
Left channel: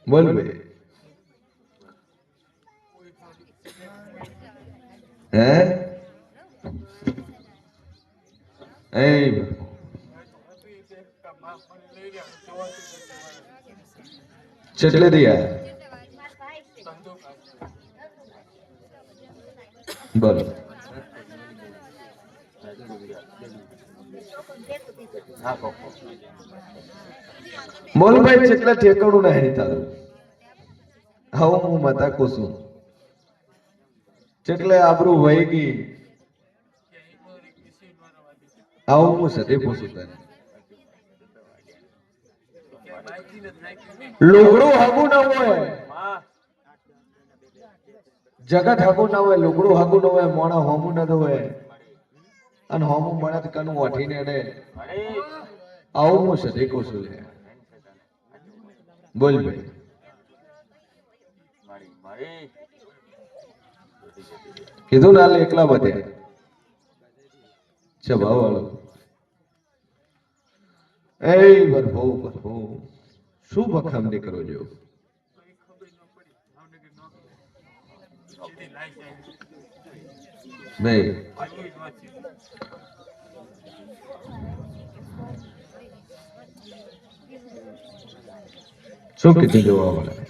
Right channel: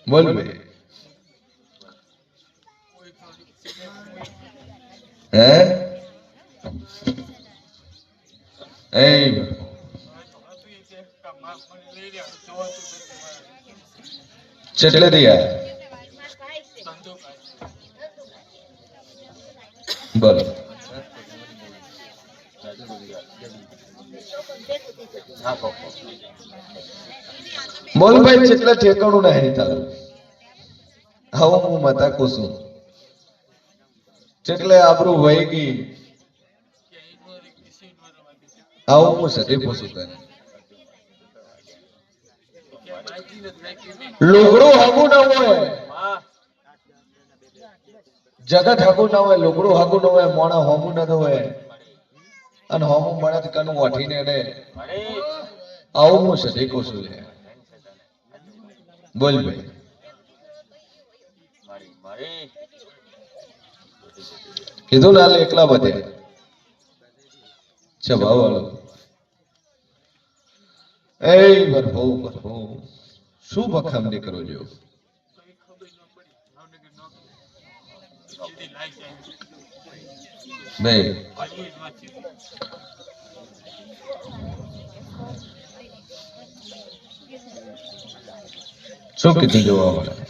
બોલ ભાઈ હે ચટલે દિયા બોલો બોલ ભાઈ ચટલે ઠેકાણું નહીં તારું હવે હું માતા કુસુમ ચટલે આબરૂ વહી ગઈ આવું હું સતી પૂછું તને લુગડું હગું ના હોય જગત હગું ના હોય લુગડું હગું ના હોય મોણા હોમું ના હોય અને હોમું મળે તો કનું વાઠીને અડે આવું હું સતી પૂછું લે બોલ ભાઈ કીધું ના એકલા બધે છે ભાવ વાળો એ બરફો બરફો શું બખામ નીકળો જો નહીં શું કીધું જોવા વાળા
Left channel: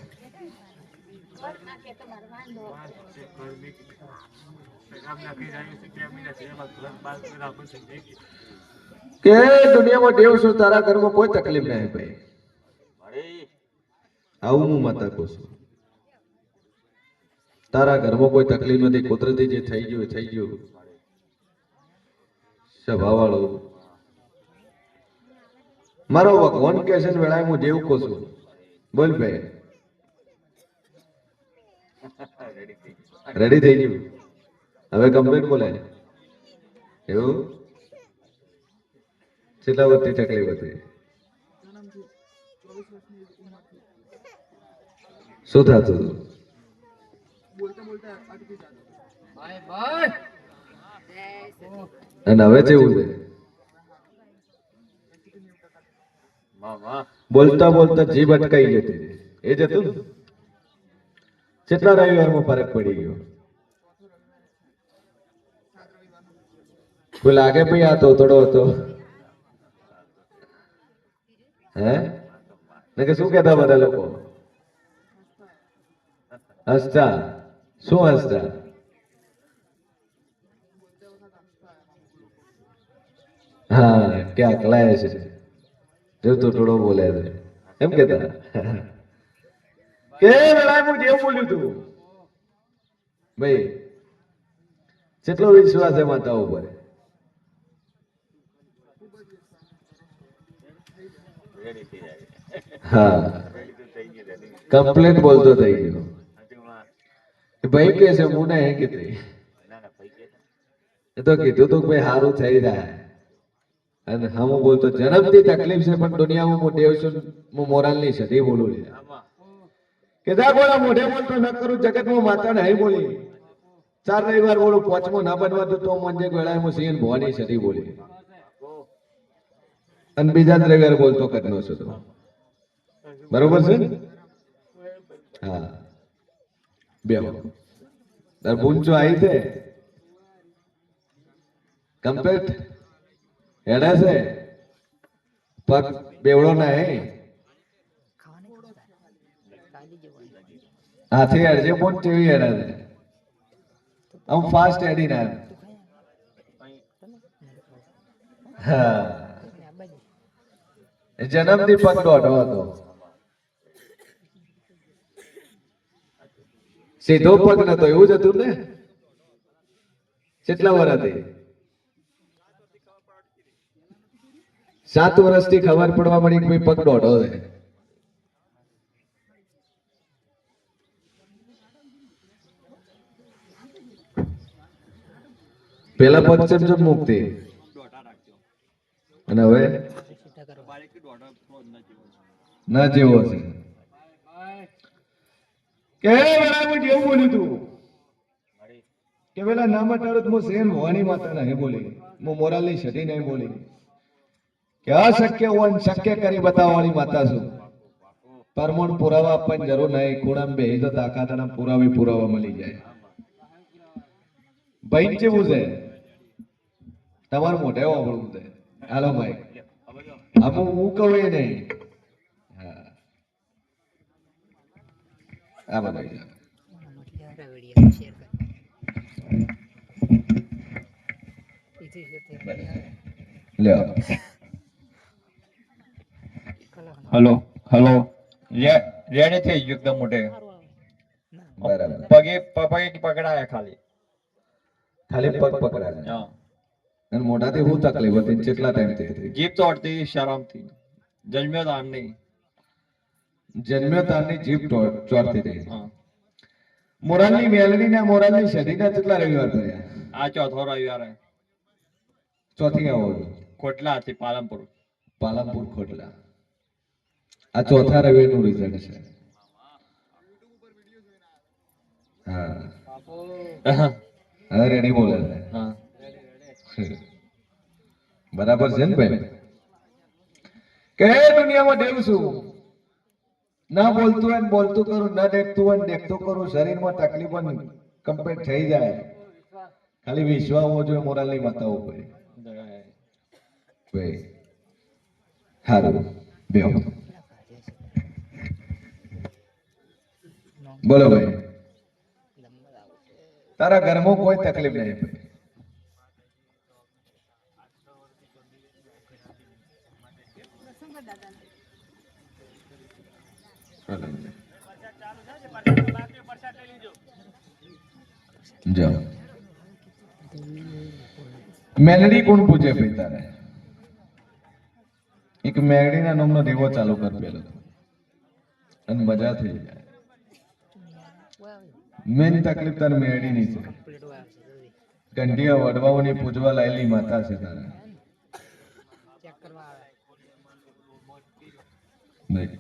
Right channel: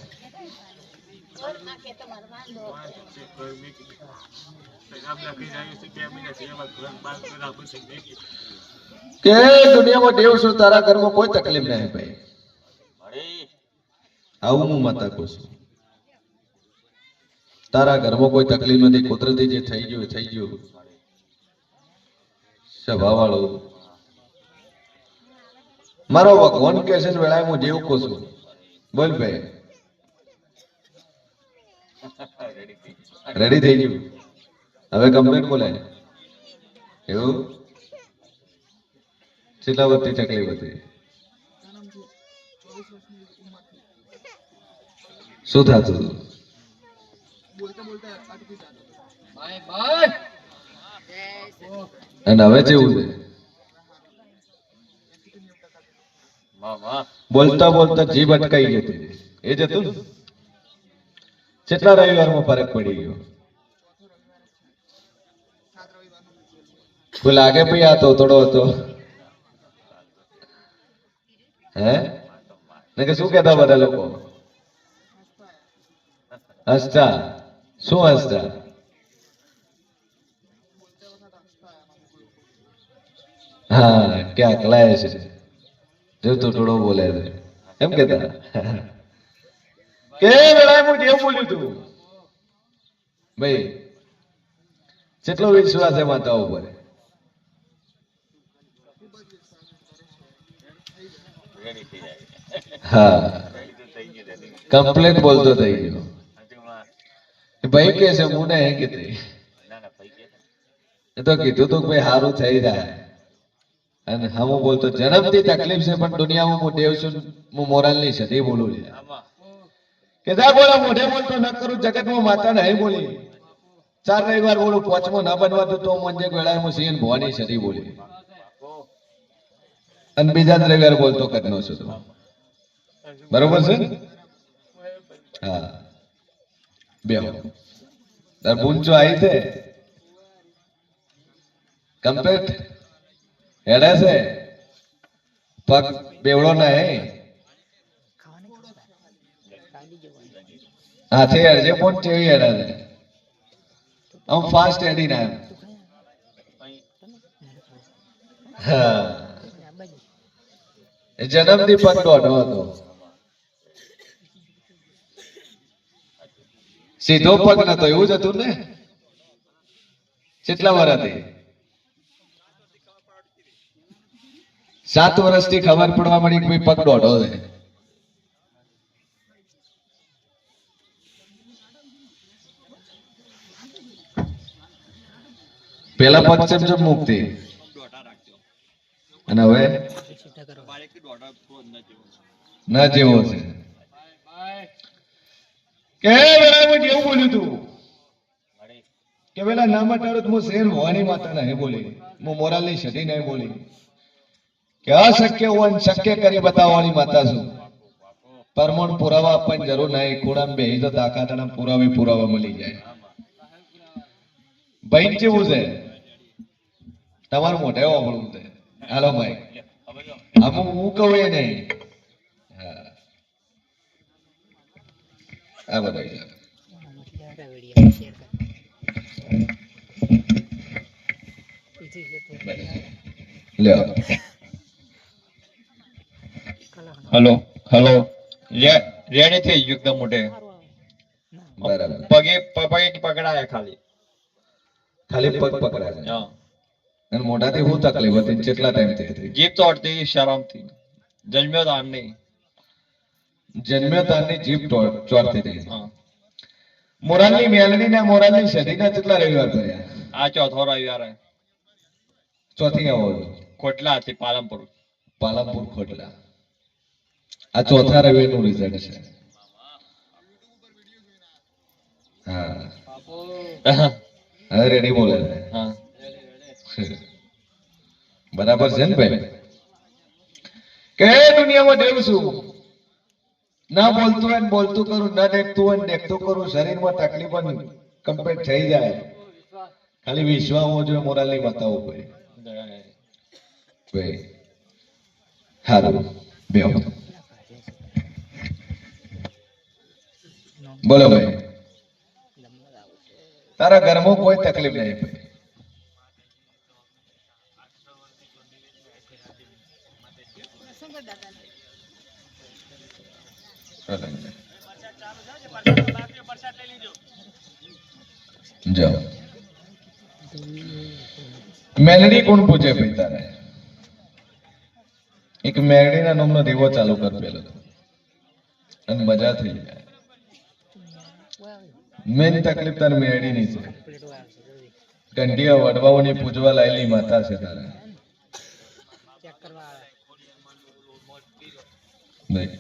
કે દુનિયામાં દેવ છું તારા ઘરમાં કોઈ તકલીફ નહીં ભાઈ આવું હું માતા કહું છું તારા ઘરમાં કોઈ તકલીફ નથી કુદરતી જે થઈ ગયું સ્વભાવ વાળો મારો ભગવાન કે છે ને વેળાએ હું જેવું કહું છું બોલ ભાઈ રેડી થઈ ગયું હવે કમ્પ્લીટ બોલાય એવું કેટલા વર્ષની તકલીફ હતી શું થતું અને હવે જેવું છે બોલતા બોલતા જીભ અટકાઈ જતી એ જતું કેટલા રવિવારમાં ફરક પડી ગયો કોઈ લાગે ભાઈ આ તો થોડો હતો હે ને કે શું કહેતા બધા લોકો હસતા શું હસતા હા ક્યાં અકલાય છે જો તો થોડો બોલે છે એમ કેતા કે વેળાએ હું જેવું બોલ્યું તું ભાઈ કેટલો વિશ્વાસ છે માતાઓ પર હા કમ્પ્લેટ બોલતો થઈ ગયો ભાઈ કે છે હું નહીં કીધી એ તો કીધું તું ભાઈ સારું થઈ જાય અને હું બોલતો જન્મથી તકલીફ છે પણ દુનિયામાં હું દેવ છું હું મોરાલ ની સદી બોલું છે કે જા બોલા મોઢે બોલતો ન કરું જગતમાં માતા નહીં બોલી 4 રવિવાર બોલું 5મો ના બનવા તો મંજે વેળાએ હું સિંહ ભવાની સદી બોલી અને બીજા રવિવાર બોલતો કદનો છું તો બરોબર છે હા બેહો તાર પૂંચો આવી છે કમ્પ્લીટ હેડે છે પગ બેવડો નહીં હાથે અડજે પણ કેવી અડાડે આમ ફાસ્ટ એડી ના હા એ જન્મથી પગ દોઢો હતો સીધો પગ નતો એવું જ હતું ને કેટલા વાર હતી 7 વર્ષથી ખબર પડવા મળી કે ભાઈ પગ દોઢો છે પેલા પગ ચમચમ મુક્તિ અને હવે ના જેવો છે કે બરાબર જેવું બોલ્યું તું કે પેલા ના મટાડો તો હું શેર ભવાની માતા નહીં બોલી હું મોરાલની સતી નહીં બોલી કે અશક્ય હોય શક્ય કરી બતાવવાળી માતા છું પરમોણ પુરાવા આપવાની જરૂર નહીં ખૂણામાં બેહી તો તાકાતના પુરાવા મળી જાય ભાઈ કેવું છે તમારું મોઢે વાપરવું છે હાલો ભાઈ આમાં હું કહું એ નહીં હા આ બધા લ્યો હલો હલો રેડી થઈ ગયું એકદમ મોટે બરાબર પગે પગે પકડાયા ખાલી ખાલી પગ પકડા છે હા અને મોઢાથી શું તકલીફ હતી કેટલા ટાઈમથી હતી જીભ તોડતી શરમથી જન્મ્યો તો આમની જન્મ્યો તારની જીભ ચોરતી હતી હા મોરાલની મેલડી ના મોરાલની સદીના કેટલા રવિવાર કર્યા આ ચોથો રવિવાર ચોથી આવો છો ખોટલા હતી પાલનપુર પાલનપુર ખોટલા આ ચોથા રવિવારનું રિઝલ્ટ છે હા હવે રેડી બોલે છે હા બરાબર છે ને ભાઈ કે દુનિયામાં દેવ છું ના બોલતું હોય ને બોલતું કરું ના દેખતું હોય ને દેખતું કરું શરીરમાં તકલીફ કમ્પ્લીટ થઈ જાય ખાલી વિશ્વાસ હોવો જોઈએ મોરાલની માતાઓ ભાઈ ભાઈ હારું બેહો બોલો ભાઈ તારા ઘરમાં કોઈ તકલીફ નહીં ભાઈ જાઓ મેલડી કોણ પૂછે ભાઈ તારે એક મેલડીના નામનો દેવો ચાલુ કર પેલો અને મજા થઈ જાય મેન તકલીફ તારે મેલડીની છે કંઠિયા વડવાઓની પૂજવા લાયેલી માતા છે તારે ભાઈ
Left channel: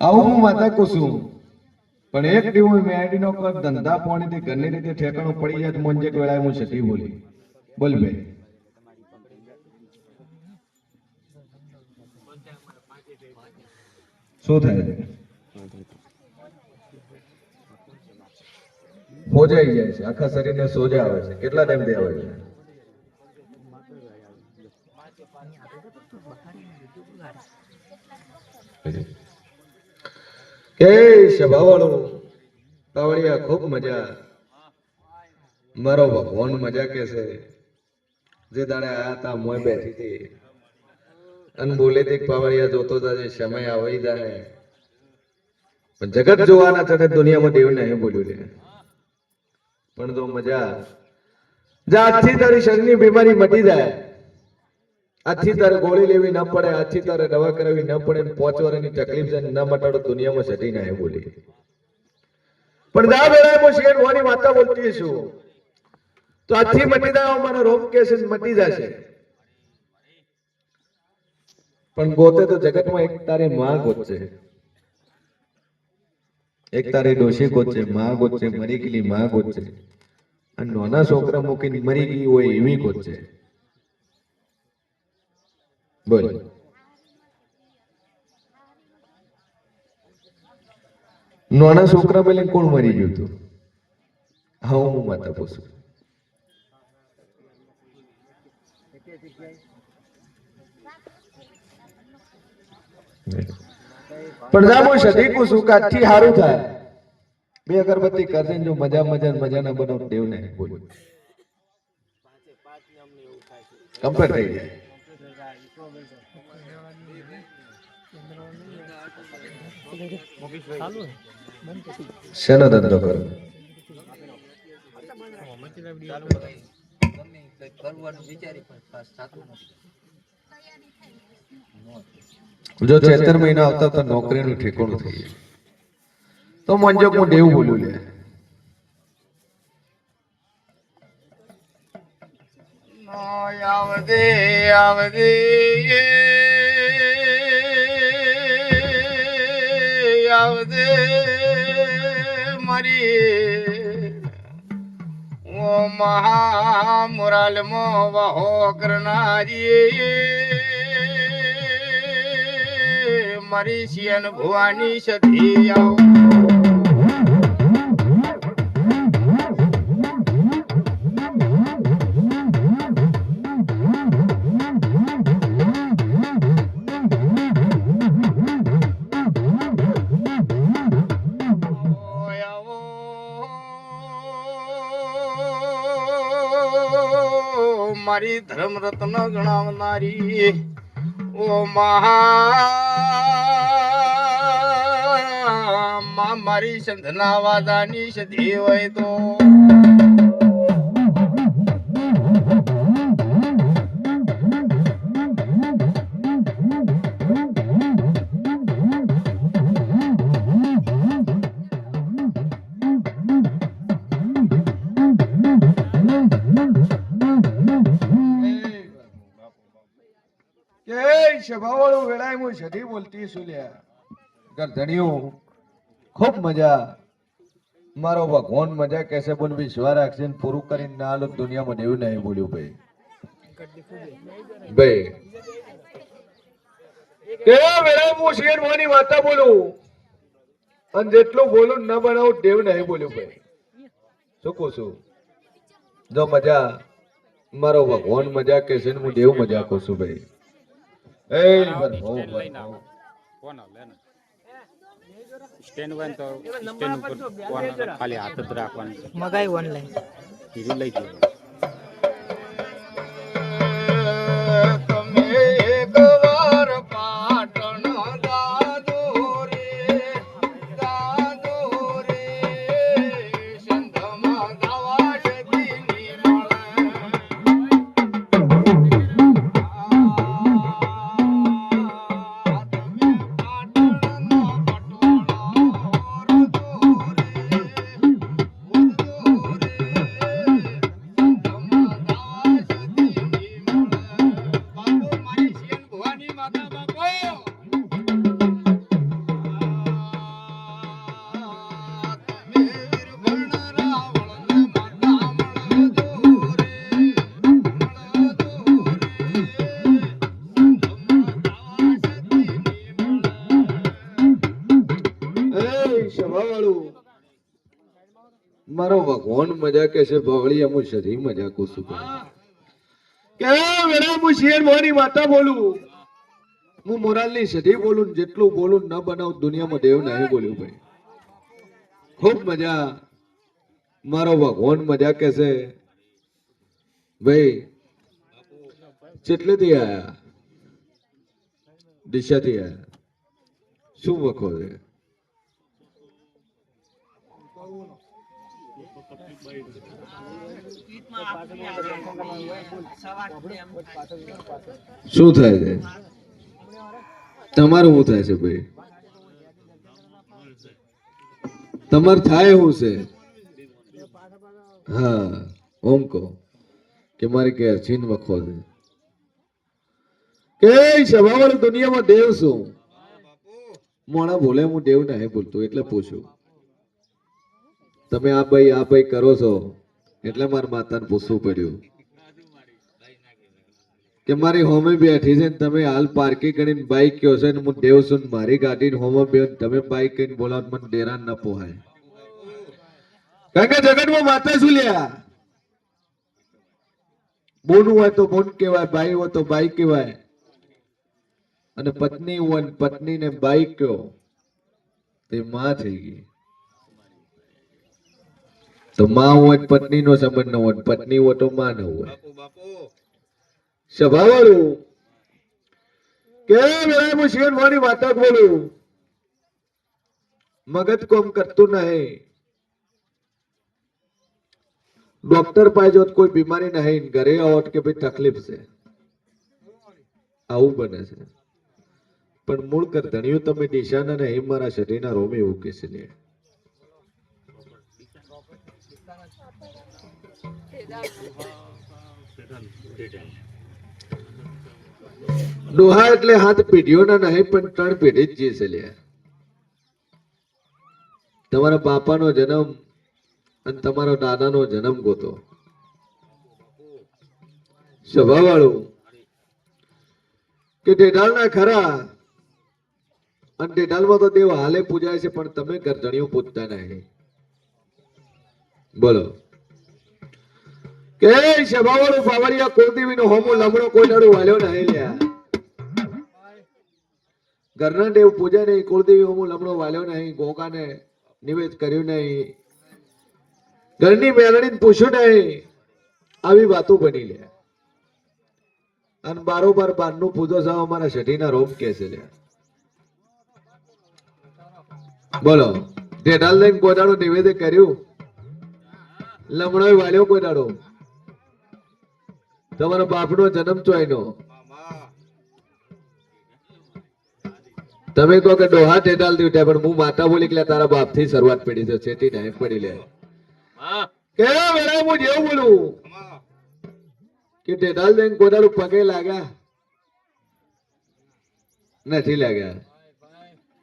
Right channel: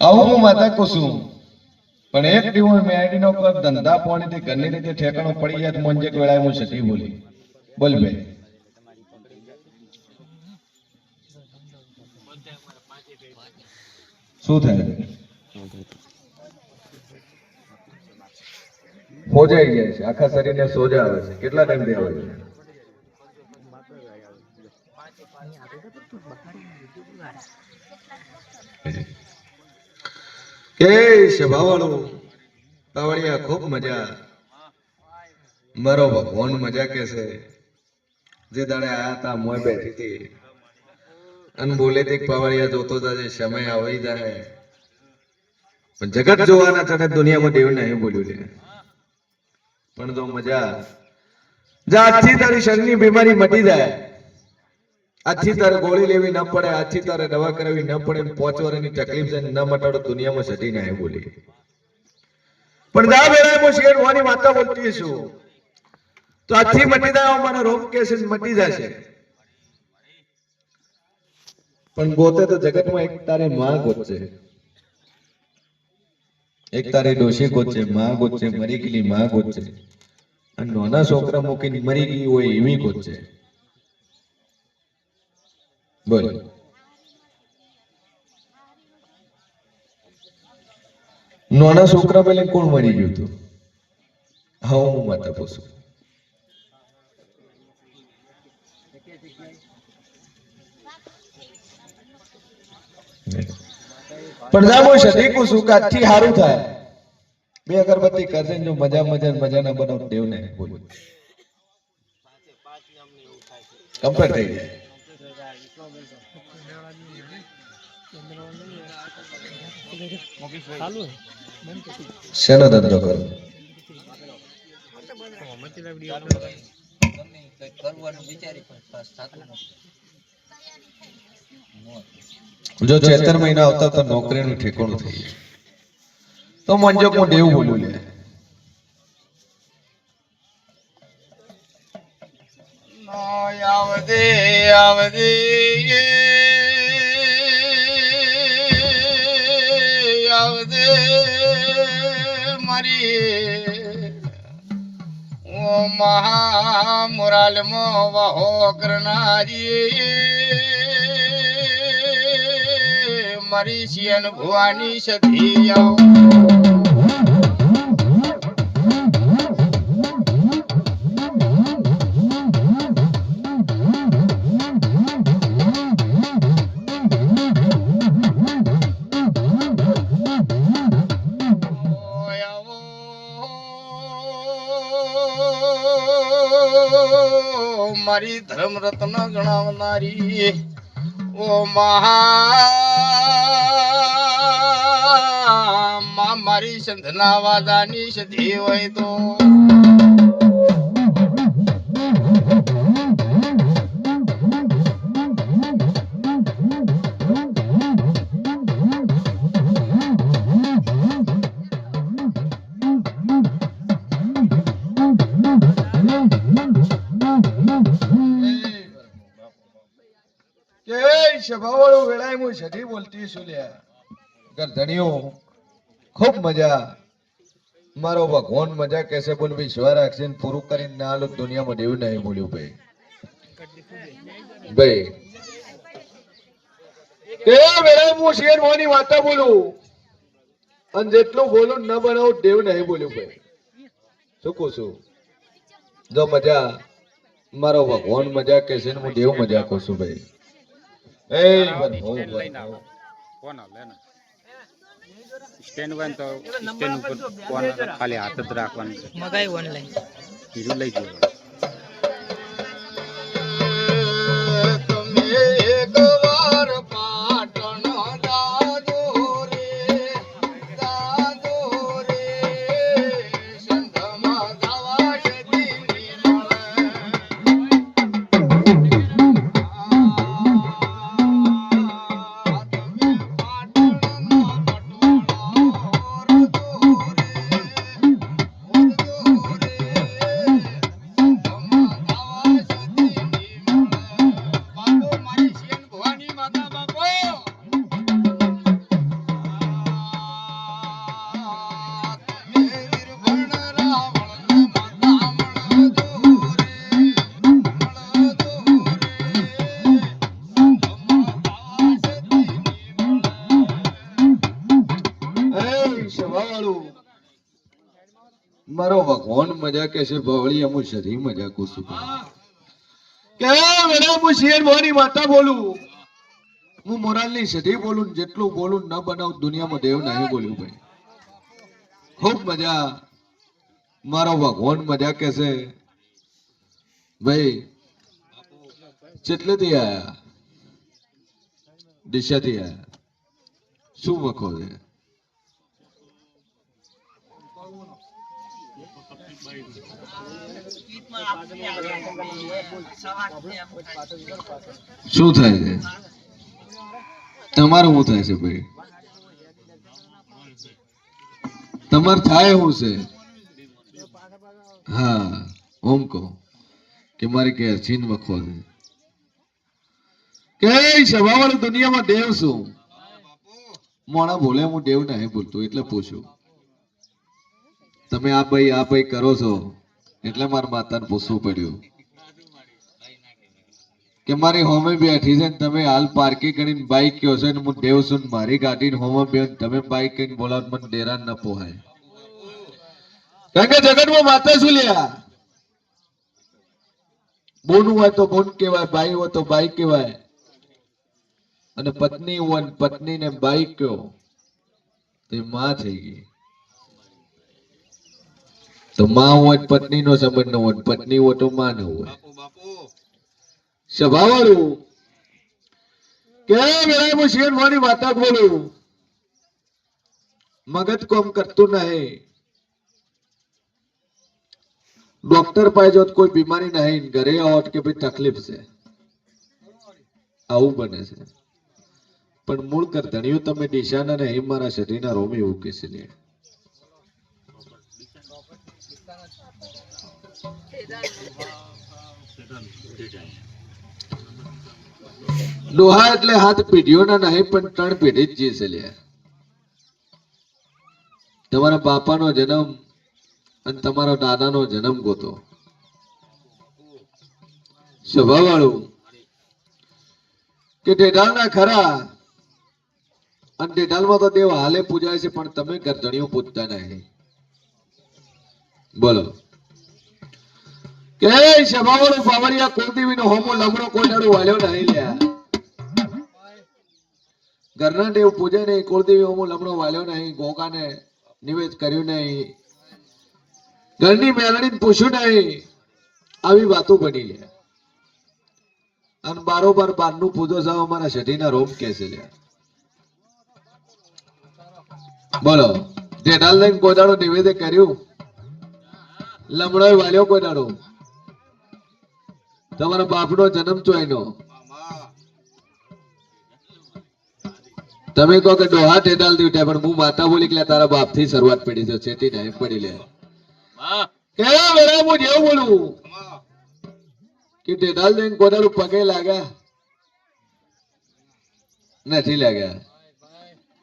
આવું હું માતા કુસુમ પણ એક દિવસ મેડી નો કર ધંધા પાણીથી ઘરની રીતે ઠેકાણું પડી જાય તો મોંજે વેળાએ હું સતી બોલી બોલ ભાઈ શું થાય સોજા આવી જાય છે આખા શરીરને સોજા આવે છે કેટલા ટાઈમથી આવે છે કે સ્વભાવવાળો પાવડિયા ખૂબ મજા મારો ભગવાન મજા કે છે જે દાડે આયા તા મોય બેઠી હતી અને બોલે તે પાવડિયા જોતો જાય સમય આવી જાય પણ જગત જોવાના ચડે દુનિયામાં દેવ નહીં બોલ્યું લે પણ જો મજા જા આજથી તારી શરીરની બીમારી મટી જાય આજથી તારે ગોળી લેવી ન પડે આજથી તારે દવા કરાવી ન પડે 5 વર્ષની તકલીફ છે ન મટાડો દુનિયામાં સટી નહીં બોલી પણ જા બેડા હું શેર વાની માતા બોલતી છું તો આજથી મટી જાય મને રોગ કેસે મટી જશે પણ ગોતે તો જગતમાં એક તારે માં ગોતશે એક તારી ડોશી ગોતશે માં ગોતશે મરી ગયેલી માં ગોતશે અને નાના છોકરા મૂકીને મરી ગઈ હોય એવી ગોતશે બોલ નાના છોકરા પેલે કોણ મરી ગયું હતું હા હું માતા પૂછું પણ જા હું સધી કું છું કે આજથી સારું થાય. બે અગરબત્તી કરજે ને જો મજા ના બનાવ દેવ ને બોલું કમ્પ્લીટ થઈ જાય. શેનો ધંધો કરો? જો ચેતર મહિના આવતા તો નોકરીનું ઠેકાણું થઈ જાય તો મંજો હું દેવું બોલું લે. આવદે આવદે આવદે મારી ઓ મહા મુરાલ મો વહો કરનારી મારી શિયન ભુવાની સધી આવો. મારી ધર્મ રત્ન ગણાવનારી ઓ મહા મારી સંધના વાદાની સધી હોય તો સભાવાળું વેળાએ હું સધી બોલતી છું લ્યા. ગરધણીઓ ખૂબ મજા મારો ભગવાન મજા કેસે બોલ વિશ્વા રાખશે ને પૂરું કરીને ના આલો દુનિયામાં દેવું નહીં બોલ્યું ભાઈ. ભાઈ કે વેળાએ હું શેર મોની વાતા બોલું અને જેટલું બોલું ન બનાવું દેવ નહીં બોલ્યું ભાઈ. શું કહું છું? જો મજા મારો ભગવાન મજા કેસે ને હું દેવ મજા કહું છું ભાઈ. સ્ટેન્ડ હોય તો સ્ટેન્ડ ઉપર ખાલી હાથ જ રાખવાનું છે. મગાઈ ઓનલાઈન બીજું લઈ જવાનું. મારો ભગવાન મજા કે છે બવળી અમુ સધી મજા કુસુ કે મેરા હું શેર મોની માતા બોલું હું મોરાલની સધી બોલું જેટલું બોલું ન બનાવ દુનિયામાં દેવ નહીં બોલ્યું ભાઈ. ખૂબ મજા મારો ભગવાન મજા કે છે ભાઈ. કેટલેથી આયા? દિશાથી આયા. શું વખો છે? શું થાય છે તમારું? શું થાય છે ભાઈ? તમારે થાય શું છે? હા ઓમ કહો કે મારી કે છીન વખો છે કે સભાવાળી દુનિયામાં દેવ શું? મોણા બોલે હું દેવ નહીં બોલતો એટલે પૂછું. તમે આ ભાઈ કરો છો એટલે મારા માતાને પૂછવું પડ્યું કે મારી હોમે બેઠી છે ને તમે હાલ પાર્કિંગ કરીને બાઈક કયો છો ને હું દેવ છું મારી ગાડી હોમે બે તમે બાઈક કરીને બોલાવ મને દેરાન ન પોહાય. કારણ કે જગતમાં માતા શું લ્યા? બોનું હોય તો બોન કહેવાય, બાઈ હોય તો બાઈ કહેવાય અને પત્ની હોય ને પત્નીને બાઈ કયો તે માં થઈ ગઈ. તો માં હોય ને પત્નીનો સંબંધ ન હોય, પત્ની હોય તો માં ન હોય. સભાવાળું કે વેળા હું શેર મોની વાતા બોલું, મગજ કોમ કરતું નહીં. ડોક્ટર પાસે જો કોઈ બીમારી નહીં, ઘરે આવો કે ભાઈ તકલીફ છે, આવું બને છે. પણ મૂળ કરધણીયું તમે દિશાના નહીં, મારા શરીરના રોમે એવું કે છે ને. ડોહા એટલે હાથ પેઢીઓના નહીં, પણ 3 પેઢી જ જે છે લ્યા. તમારા બાપાનો જન્મ અને તમારો દાદાનો જન્મ ગોતો. સ્વભાવવાળું કે ઢેઢાલના ખરા, અને ઢેઢાલમાં તો દેવ હાલે પૂજાય છે, પણ તમે કરધણીઓ પૂજતા નહીં. બોલો કે સ્વભાવવાળું બાવળિયા કુળદેવીનો હોમો લમણો કોઈ દાડો વાલ્યો નહીં લ્યા. ઘરના દેવ પૂજા નહીં, કુળદેવી હોમો લમણો વાલ્યો નહીં, ગોગાને નિવેદ કર્યું નહીં, ઘરની મેલડીને પૂછ્યું નહીં. આવી વાતો બની લે. અને બારોબાર બારનું પૂજો સાવ અમારા શઢીના રોમ કે છે લ્યા. બોલો ઢેઢાલ લઈને કોઈ દાડો નિવેદ કર્યું, લમણો વાલ્યો કોઈ દાડો? તમારા બાપનો જન્મ ચોયનો. તમે કહો કે ડોહા ઢેઢાલ થી ઉઠ્યા, પણ હું માતા બોલી કે તારા બાપ થી શરૂઆત પડી છે, છેટી નહીં પડી લે. કેવા વેળા હું જેવું બોલું કે ઢેઢાલ જઈને કોદાળું પગે લાગ્યા નથી લાગ્યા.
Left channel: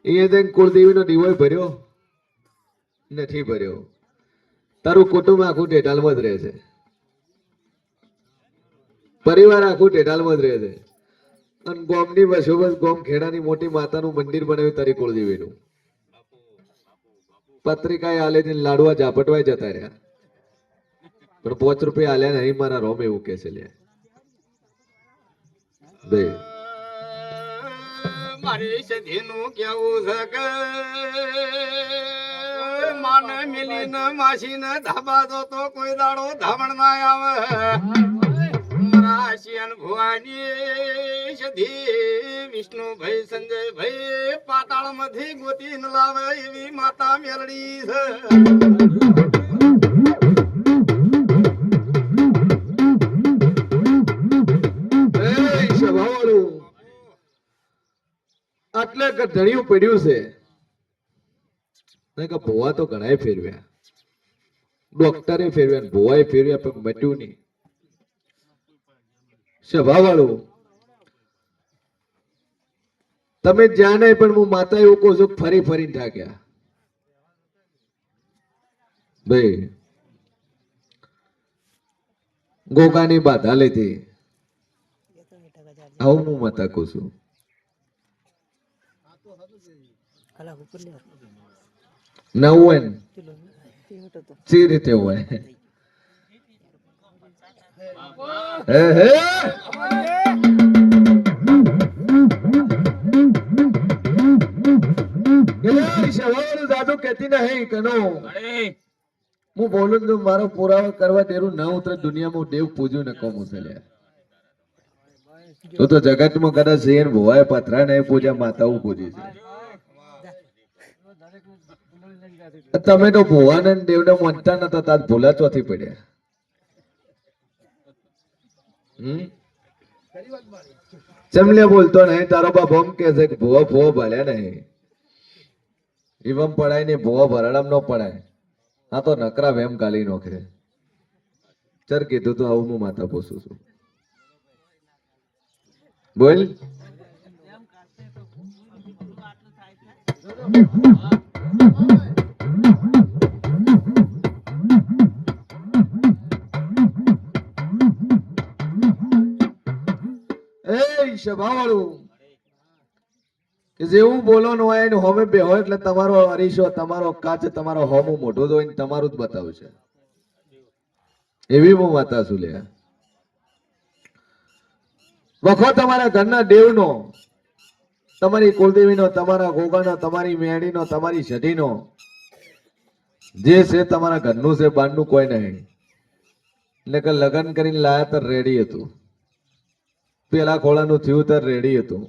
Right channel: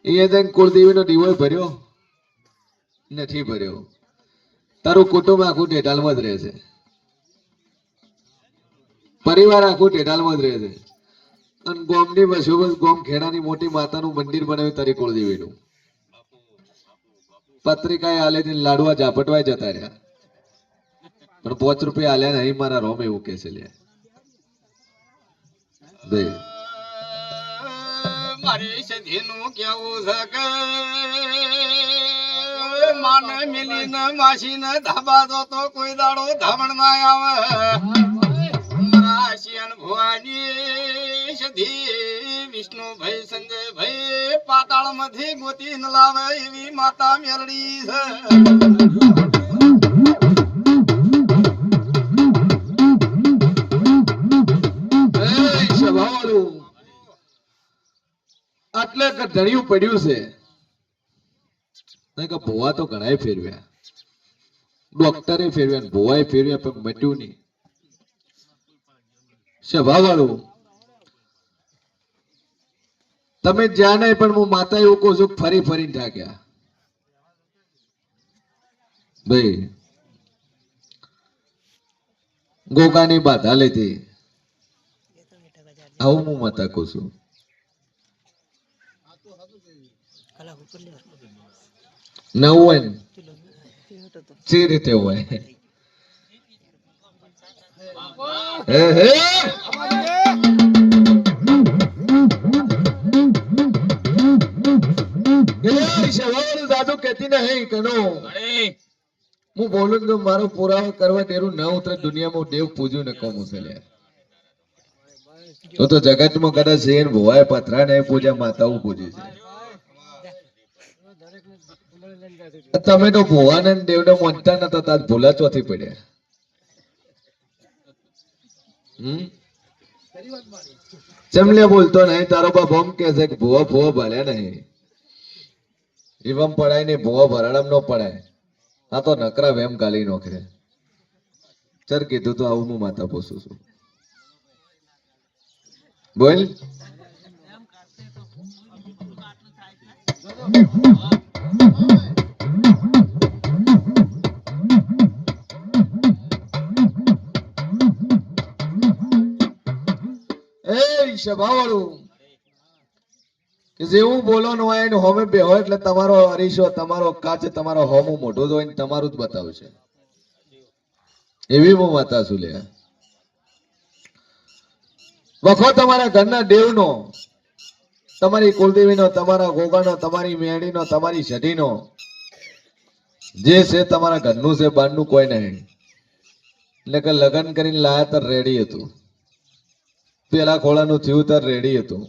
એ જઈને કુળદેવીનો દીવો ભર્યો નથી ભર્યો. તારું કુટુંબ આખું ઢેઢાલમાં જ રહે છે, પરિવાર આખું ઢેઢાલમાં જ રહે છે. અને ગોમની વસોબસ ગોમ ખેડાની મોટી માતાનું મંદિર બનાવ્યું તારી કુળદેવીનું. પત્રિકા આલે લાડવા ઝાપટવાય જતા રહ્યા, પણ 5 રૂપિયા આલ્યા નહીં મારા રોમ એવું કે છે લ્યા. મારી સધીનું કેવું છે કે માને મિલીને માસીને ધાબા દો તો કોઈ દાડો ધામણ ના આવે. રાશિયન ભુવાની સધી વિષ્ણુભાઈ સંજયભાઈ પાતાળ માંથી ગોતી ન લાવે એવી માતા મેલડી છે. આટલા ધણિયું પડ્યું છે. ભોવા તો ઘણા ફેરવ્યા, ડોક્ટરે ફેરવ્યા, ભોવાએ ફેરવ્યા, પણ મટ્યું નહીં. સ્વભાવવાળું તમે જ્યાં નહીં, પણ હું માતા એવું કહું છું, ફરી ફરીને થાક્યા. ભાઈ ગોગાની બાધા લીધી, આવું હું માતા કહું છું. ના હોય ને જે રીતે હોય. હું બોલું કે મારો પુરાવો કરવા તેરું ના ઉતરે દુનિયામાં દેવ પૂજ્યું ને કોમ ઉછેલે. તો જગતમાં કદાચ શેર ભોવાય પથરા ને પૂજા માતાઓ પૂજી છે. તમે તો ભોવાને દેવને માનતા નતા, તાર ભૂલા ચોથી પડ્યા. ચમલે બોલતો નહીં, તારો બાપ આમ કે છે કે ભૂવા ભૂવા ભર્યા નહીં. એવમ પડાય નહીં, ભૂવા ભરાડામ નો પડાય. આ તો નકરા વેમ ગાલી નોખે. ચર કીધું તો આવું હું માતા પોસું છું. બોલ સ્વભાવવાળું કે જેવું બોલો ન હોય ને હોમે બે હોય એટલે તમારો અરીસો, તમારો કાચ, તમારો હોમું મોઢું જોઈને તમારું જ બતાવશે. એવી હું માતા છું લે. વખો તમારા ઘરના દેવનો તમારી કુલદેવીનો, તમારા ગોગાનો, તમારી મેણીનો, તમારી સઢીનો જે છે તમારા ઘરનું છે, બહારનું કોઈ નહીં. એટલે કે લગ્ન કરીને લાયા તો રેડી હતું, પેલા ખોળાનું થયું તો રેડી હતું.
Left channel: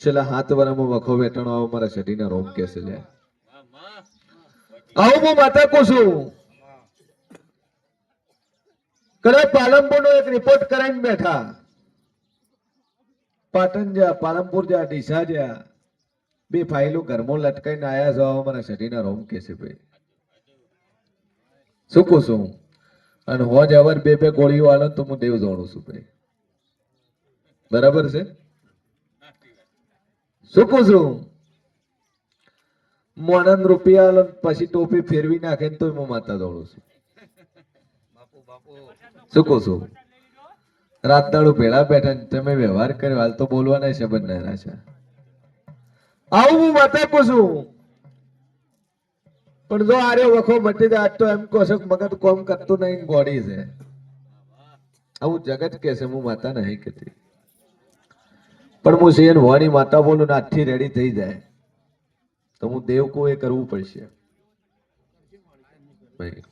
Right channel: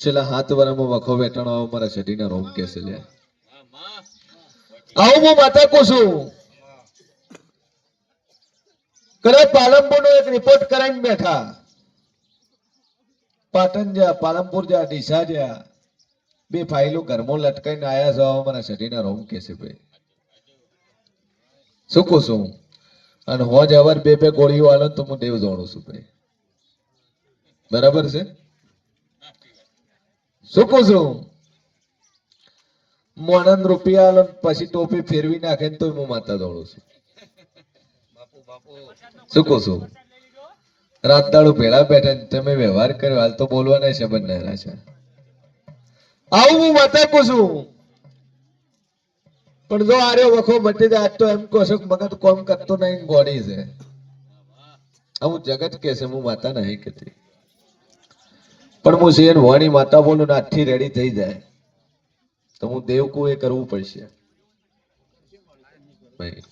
છેલ્લા 7 વર્ષમાં વખો વેટાણો આવો મારા સઢીના રોમ કેસે લે. આવું હું માતા કહું છું. કદાચ પાલનપુરનો એક રિપોર્ટ કરાવીને બેઠા. પાટણ જ્યાં, પાલનપુર જ્યાં, ડીસા જ્યાં, 2 ફાઇલો ઘરમાં લટકાઈને આયા છો આવો મારા સઢીના રોમ કેસે ભાઈ. શું કહું છું? અને હોજ અવાર 2 ગોળીઓ આલો તો હું દેવ જાણું છું ભાઈ. બરાબર છે? શું કહું છું? મોનન રૂપિયા આલો પછી ટોપી ફેરવી નાખે ને તોય હું માતા દોડું છું. શું કહું છું? રાત દાડો ભેળા બેઠા ને તમે વ્યવહાર કર્યો, હાલ તો બોલવાના સંબંધ ના છે. આવું હું માતા કહું છું. પણ જો આર્યો વખો મટી જાય, આજ તો એમ કહો છો કે મગજ કોમ કરતું નહીં, ગોળી છે. આવું જગત કે છે, હું માતા નહીં કહેતી. પણ હું સિંહ વાણી માતા બોલું ને આઠી રેડી થઈ જાય તો હું દેવ કો એ કરવું પડશે ભાઈ.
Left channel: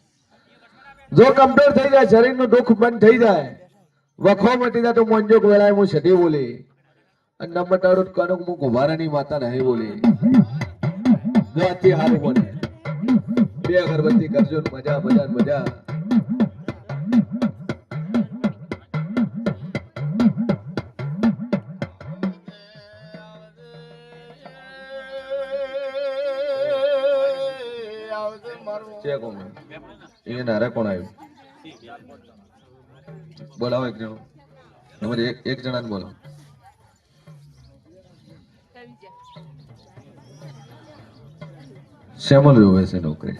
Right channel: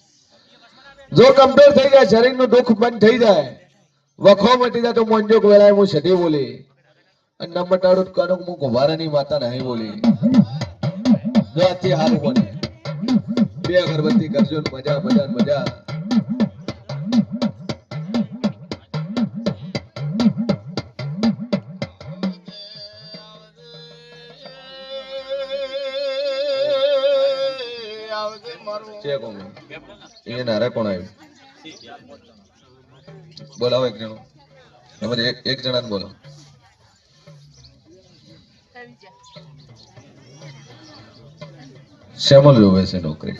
જો કમ્પ્લીટ થઈ જાય, શરીરનું દુઃખ બંધ થઈ જાય, વખો મટી જાય, તો મોંજો વેળાએ હું સધી બોલી અને ન મટાડું કાનો હું કુંભારાની માતા નહીં બોલી. જો આથી હારું બને 2 અગરબત્તી કરજો ને મજા મજા મજા. કોણ આવ્યું? બોલાવો એક જણો. એમાંથી એક જણાને બોલો. શેમાં જોવે છે નોકરી?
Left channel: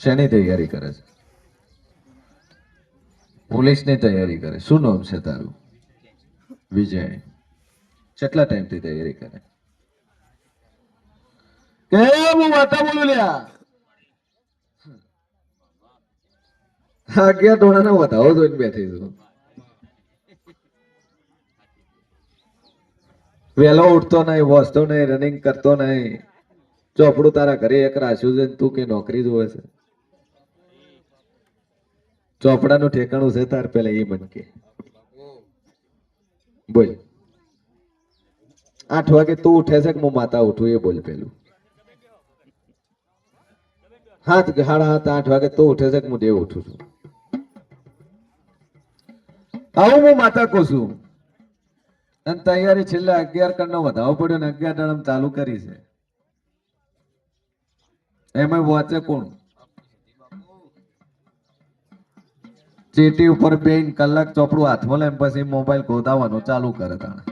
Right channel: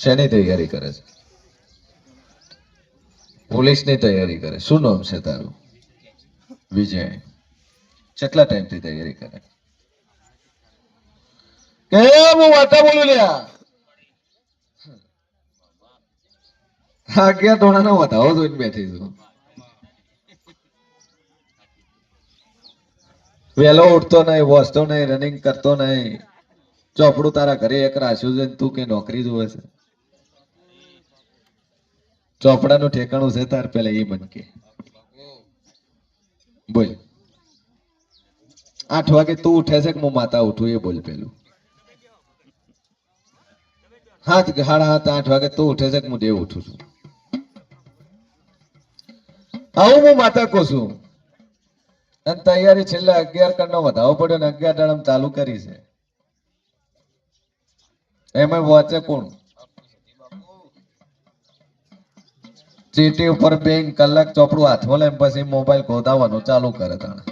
શેની તૈયારી કરે છે? પોલીસની તૈયારી કરે. શું નામ છે તારું? વિજય. કેટલા ટાઈમથી તૈયારી કરે? કે હું વાતા બોલું લ્યા. આગિયા ધોણાના વધાવો જોઈને બેઠી છું. વહેલો ઉઠતો નહીં, વસતો નહીં, રનિંગ કરતો નહીં. ચોપડું તારા ઘરે એક રાખ્યું છે, તું કે નોકરી જોવે છે? ચોપડાનું ઠેકાણું છે તાર પેલા એ મન કે બોલ. 8 વાગે તું ઉઠે છે કે હું માતા ઉઠું એ બોલ પેલું. 7 સાડા 7 8 વાગે તું ઉઠે છે કે હું દેવ ઉઠું છું? આવું હું માતા કહું છું. અને તૈયારી છેલ્લે 11 કણનો વધાવો પડ્યો ને 11 દાડમ ચાલુ કરી છે. એમાં વાંચે કોણ? ચીટી ઉપર 2 કલાક ચોપડું હાથમાં લઈને પછી મોબાઈલ ગોદાવાનું ચાલુ કરે તાણે.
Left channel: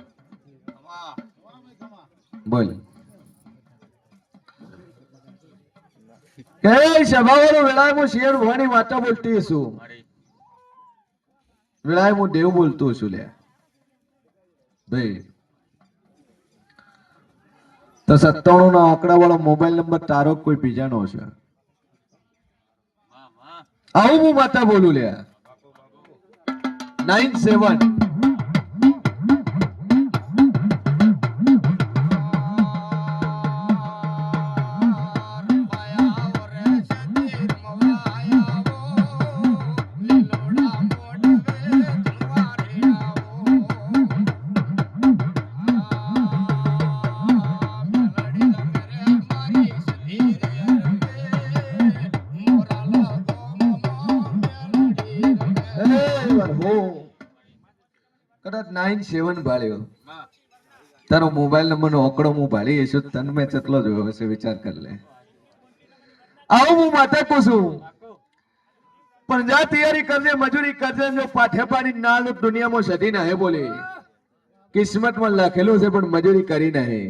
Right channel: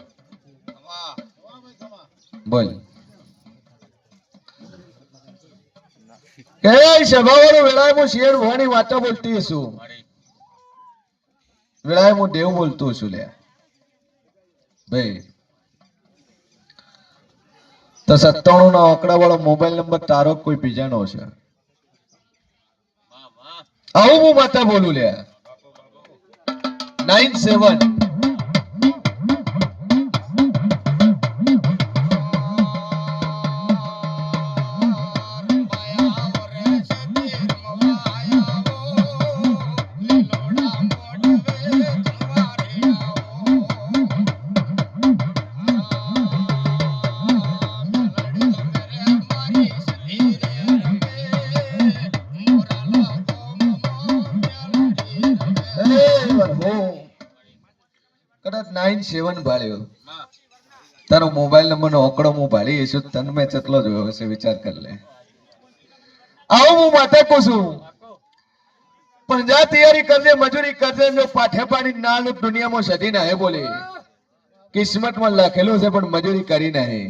બોલ. કે સભાવાળો વેળાએ હું શેર વાણી વાતા બોલતી છું. વેળાએ હું દેવ બોલતો છું લે ભાઈ. તો 97 ના આંકડા વાળો મોબાઈલ નંબર તારો કોઈ બીજાનો છે? આવું હું માતા બોલું લે. 97 કદાચ 97 ભાળ્યો તારો મોબાઈલ નંબર નો આંકડો હું ભાળી છું, તને મેં કેટલો જોયો હશે વિચાર કર લે. આવું હું માતા કહું છું. પણ જા તૈયારી કરજે, મજૂરી કરજે. જો પાઠે પાડી ના લો દુનિયામાં સધી ના હે બોલે. કિસ્મતમાં લખેલું છે પણ મજૂરી કરી નહીં.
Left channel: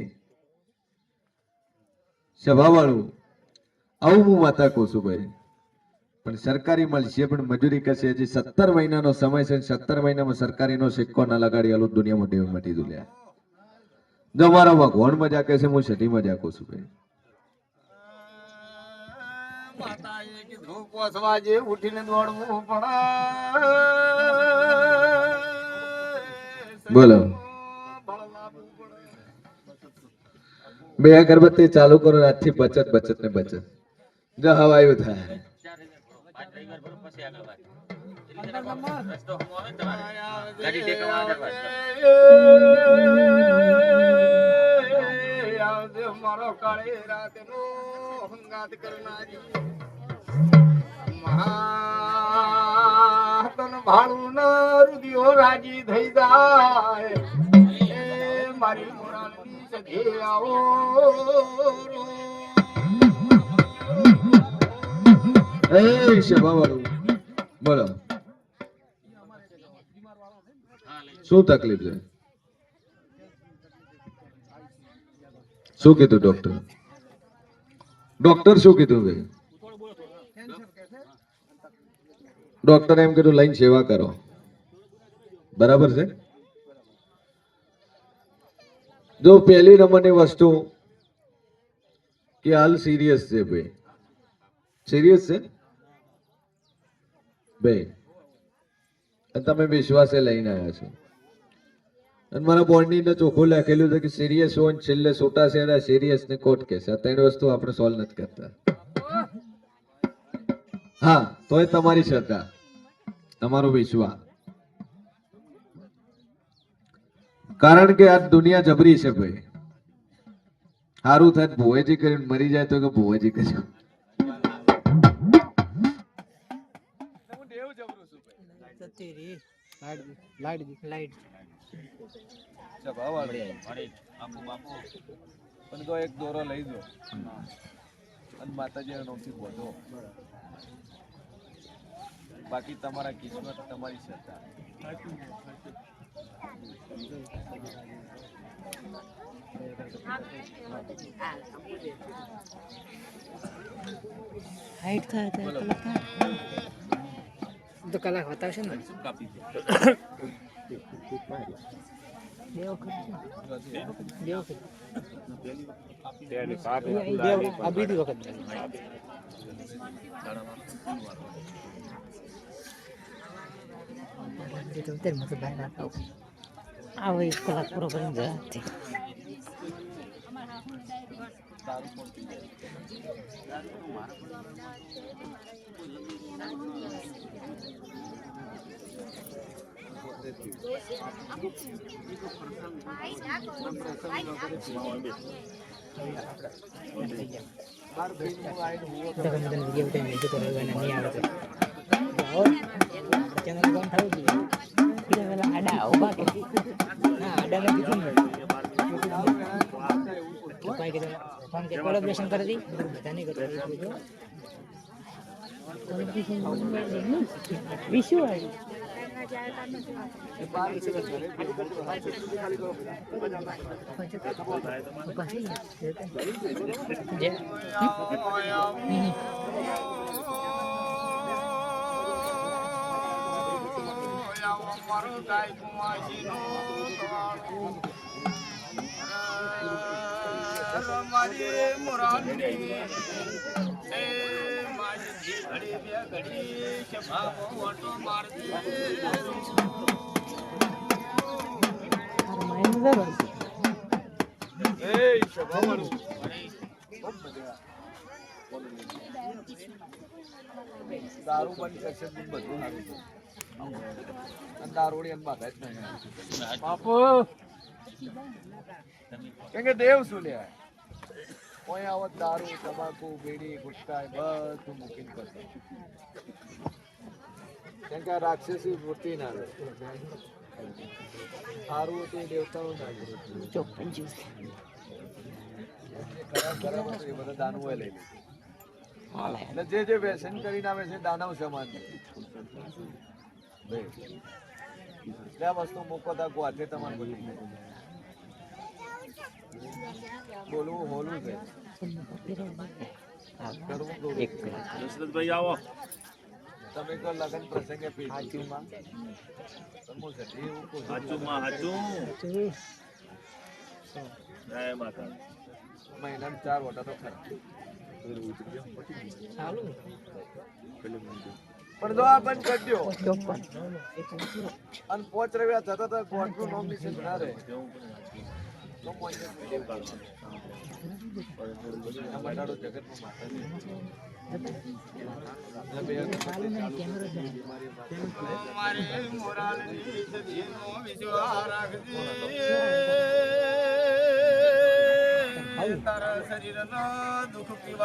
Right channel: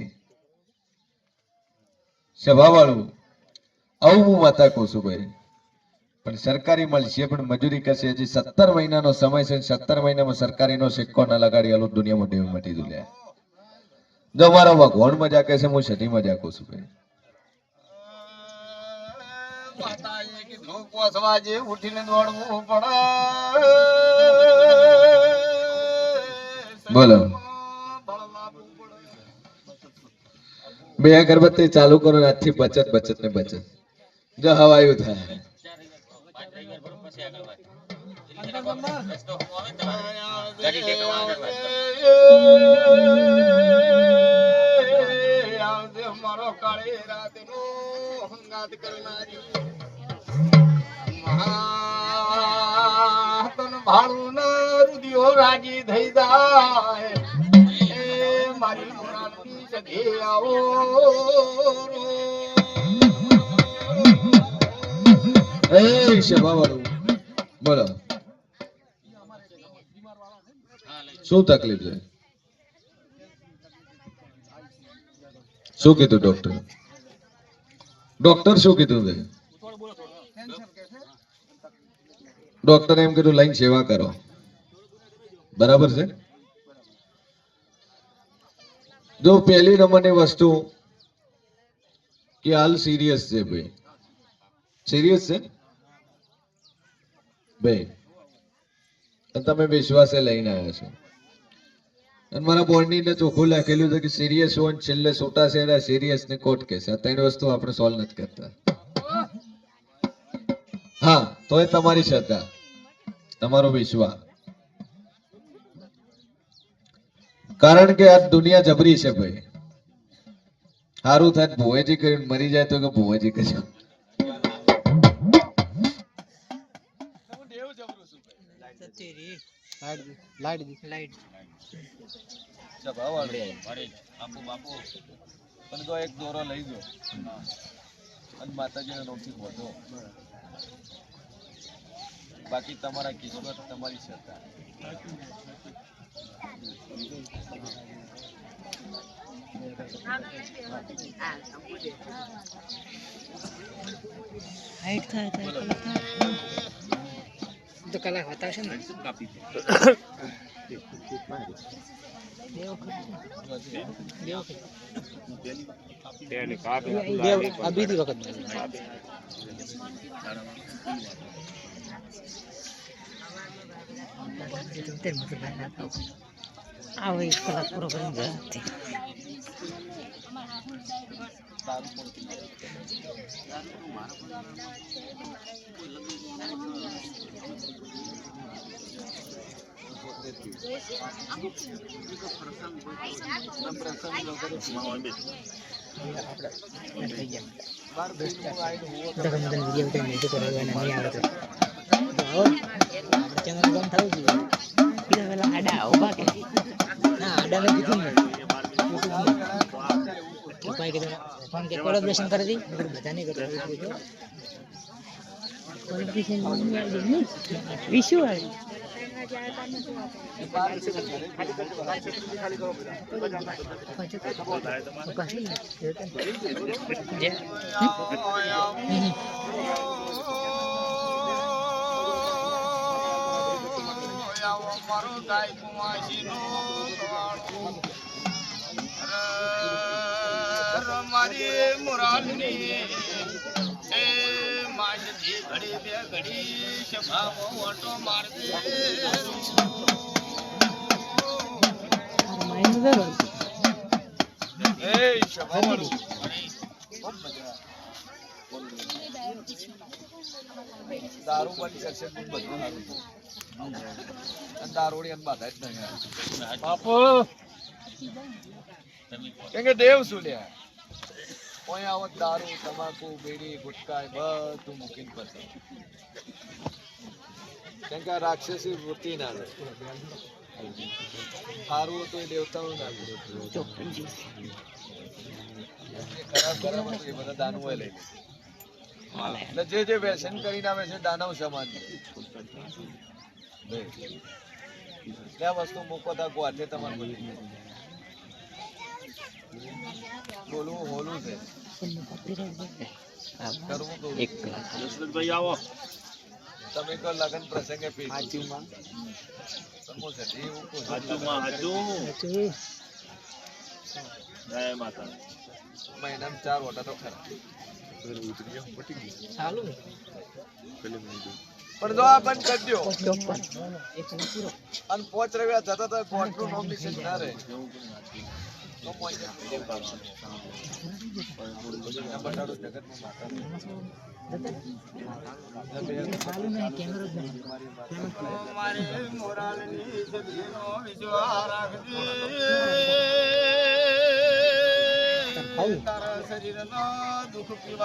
સભા વાળું આવું હું માતા કહું છું ભાઈ. પણ સરકારી મળશે પણ મજૂરી કરશે. હજી 17 મહિનાનો સમય છે. 17 મહિનામાં સરકારીનો સિક્કો ના લગાડી આલું દુનિયામાં દેવ મટી દુલ્યા. જો મારો ભગવાન મજા કહે છે, હું સધી મજા કહું છું ભાઈ. માતાએ કીધું 5 વાગે ઉઠીને દોડવું પડે. બોલો. બે અગરબત્તી ચાલુ કરો આજથી બચત બચત ને બચત જો હવાયું થાય આવજે મારો કાળી રાતનો હંગાત કરનારી મહાતન ભાળું ન રુદિયો રાજી થઈ જાય એ મારી મોરાલની સખી આવો એ શેવાવાળું બોલો શું તકલીફ છે શું કીધું ડોક્ટર શું કીધું ભાઈ ડોક્ટરે એમ કીધું લઈને સેવા કરો બરાબર છે જો પહેલી નંબરની વસ્તુ કે હાલ સિરિયસ છે ભાઈ સિરિયસ છે ભાઈ અને તમે વિશ્વાસે લઈને આવ્યા છો અને મારા બોર્ડની અંદર ચોખ્ખું લખેલું છે કે સિરિયસ હોય ને છેલ્લે છોટા શેડા સિરિયસ ને કોર્ટ કેસ આ ત્રણ વસ્તુ આપણે સોલ્વ નથી કરતા હા તો એ તમારી શ્રદ્ધા તમારો વિશ્વાસ કારણ કે આ દુનિયા જબરી છે ભાઈ સારું થાય ભુવેજી કરીને મરી જાય તો કે ભુવેજી કર્યું પણ તો એક દોરો લઈ દો અને માતાજીના નામથી બોધો બાકી તમારા કિસ્મત તમારી શ્રદ્ધા તો કલાક બતાવશે ને આ બીજી વખત આવો 1 કલાક પૂરો કરીને જાય કોલેબ્રેશન કરી દી બધાને વિશુ આવી મારો ગાય કુમાસી નો મારી મોરાલની એ માસી ઘડી બે ઘડી સભાવો ઓટો મારજે એ સભાવાળું ખૂબ મજા દારૂ બંધ કરશે બધું સારું છે અને દારૂડી અને બાધા જ નહીં બાપુ કેમ કે દેવ શું લે કોઈ આવત દારૂ તમાકુ બીડી ગુટકા બધું મૂકીને પછી કેમ કે આ રાક્ષસી વૃત્તિ ના લે સારું હતું એ દેવતાનું ના લે ખરાબ ખરાબ હતું એ બધા દાનવો લઈ લે એટલે જે વ્યસન કરીને આવે છે દાનવ સમાન ત્યાં વસ્તુ મૂકો તા ગોઠે તમારે બધી બોલવું હોલું છે કરવું આવો તમે કહો લગન પ્રસંગે પીશું એવું મહિનામાં 4 વટા તો ખરા પણ જો આ બંધ કરી દો અને 5 રવિવાર જતા તો ગોઠનું નામ નિશેષ ના રહે મારે મોરાલની સદીનો વિશ્વાસ રાખજે તારા શરીરનો દુઃખ પીવા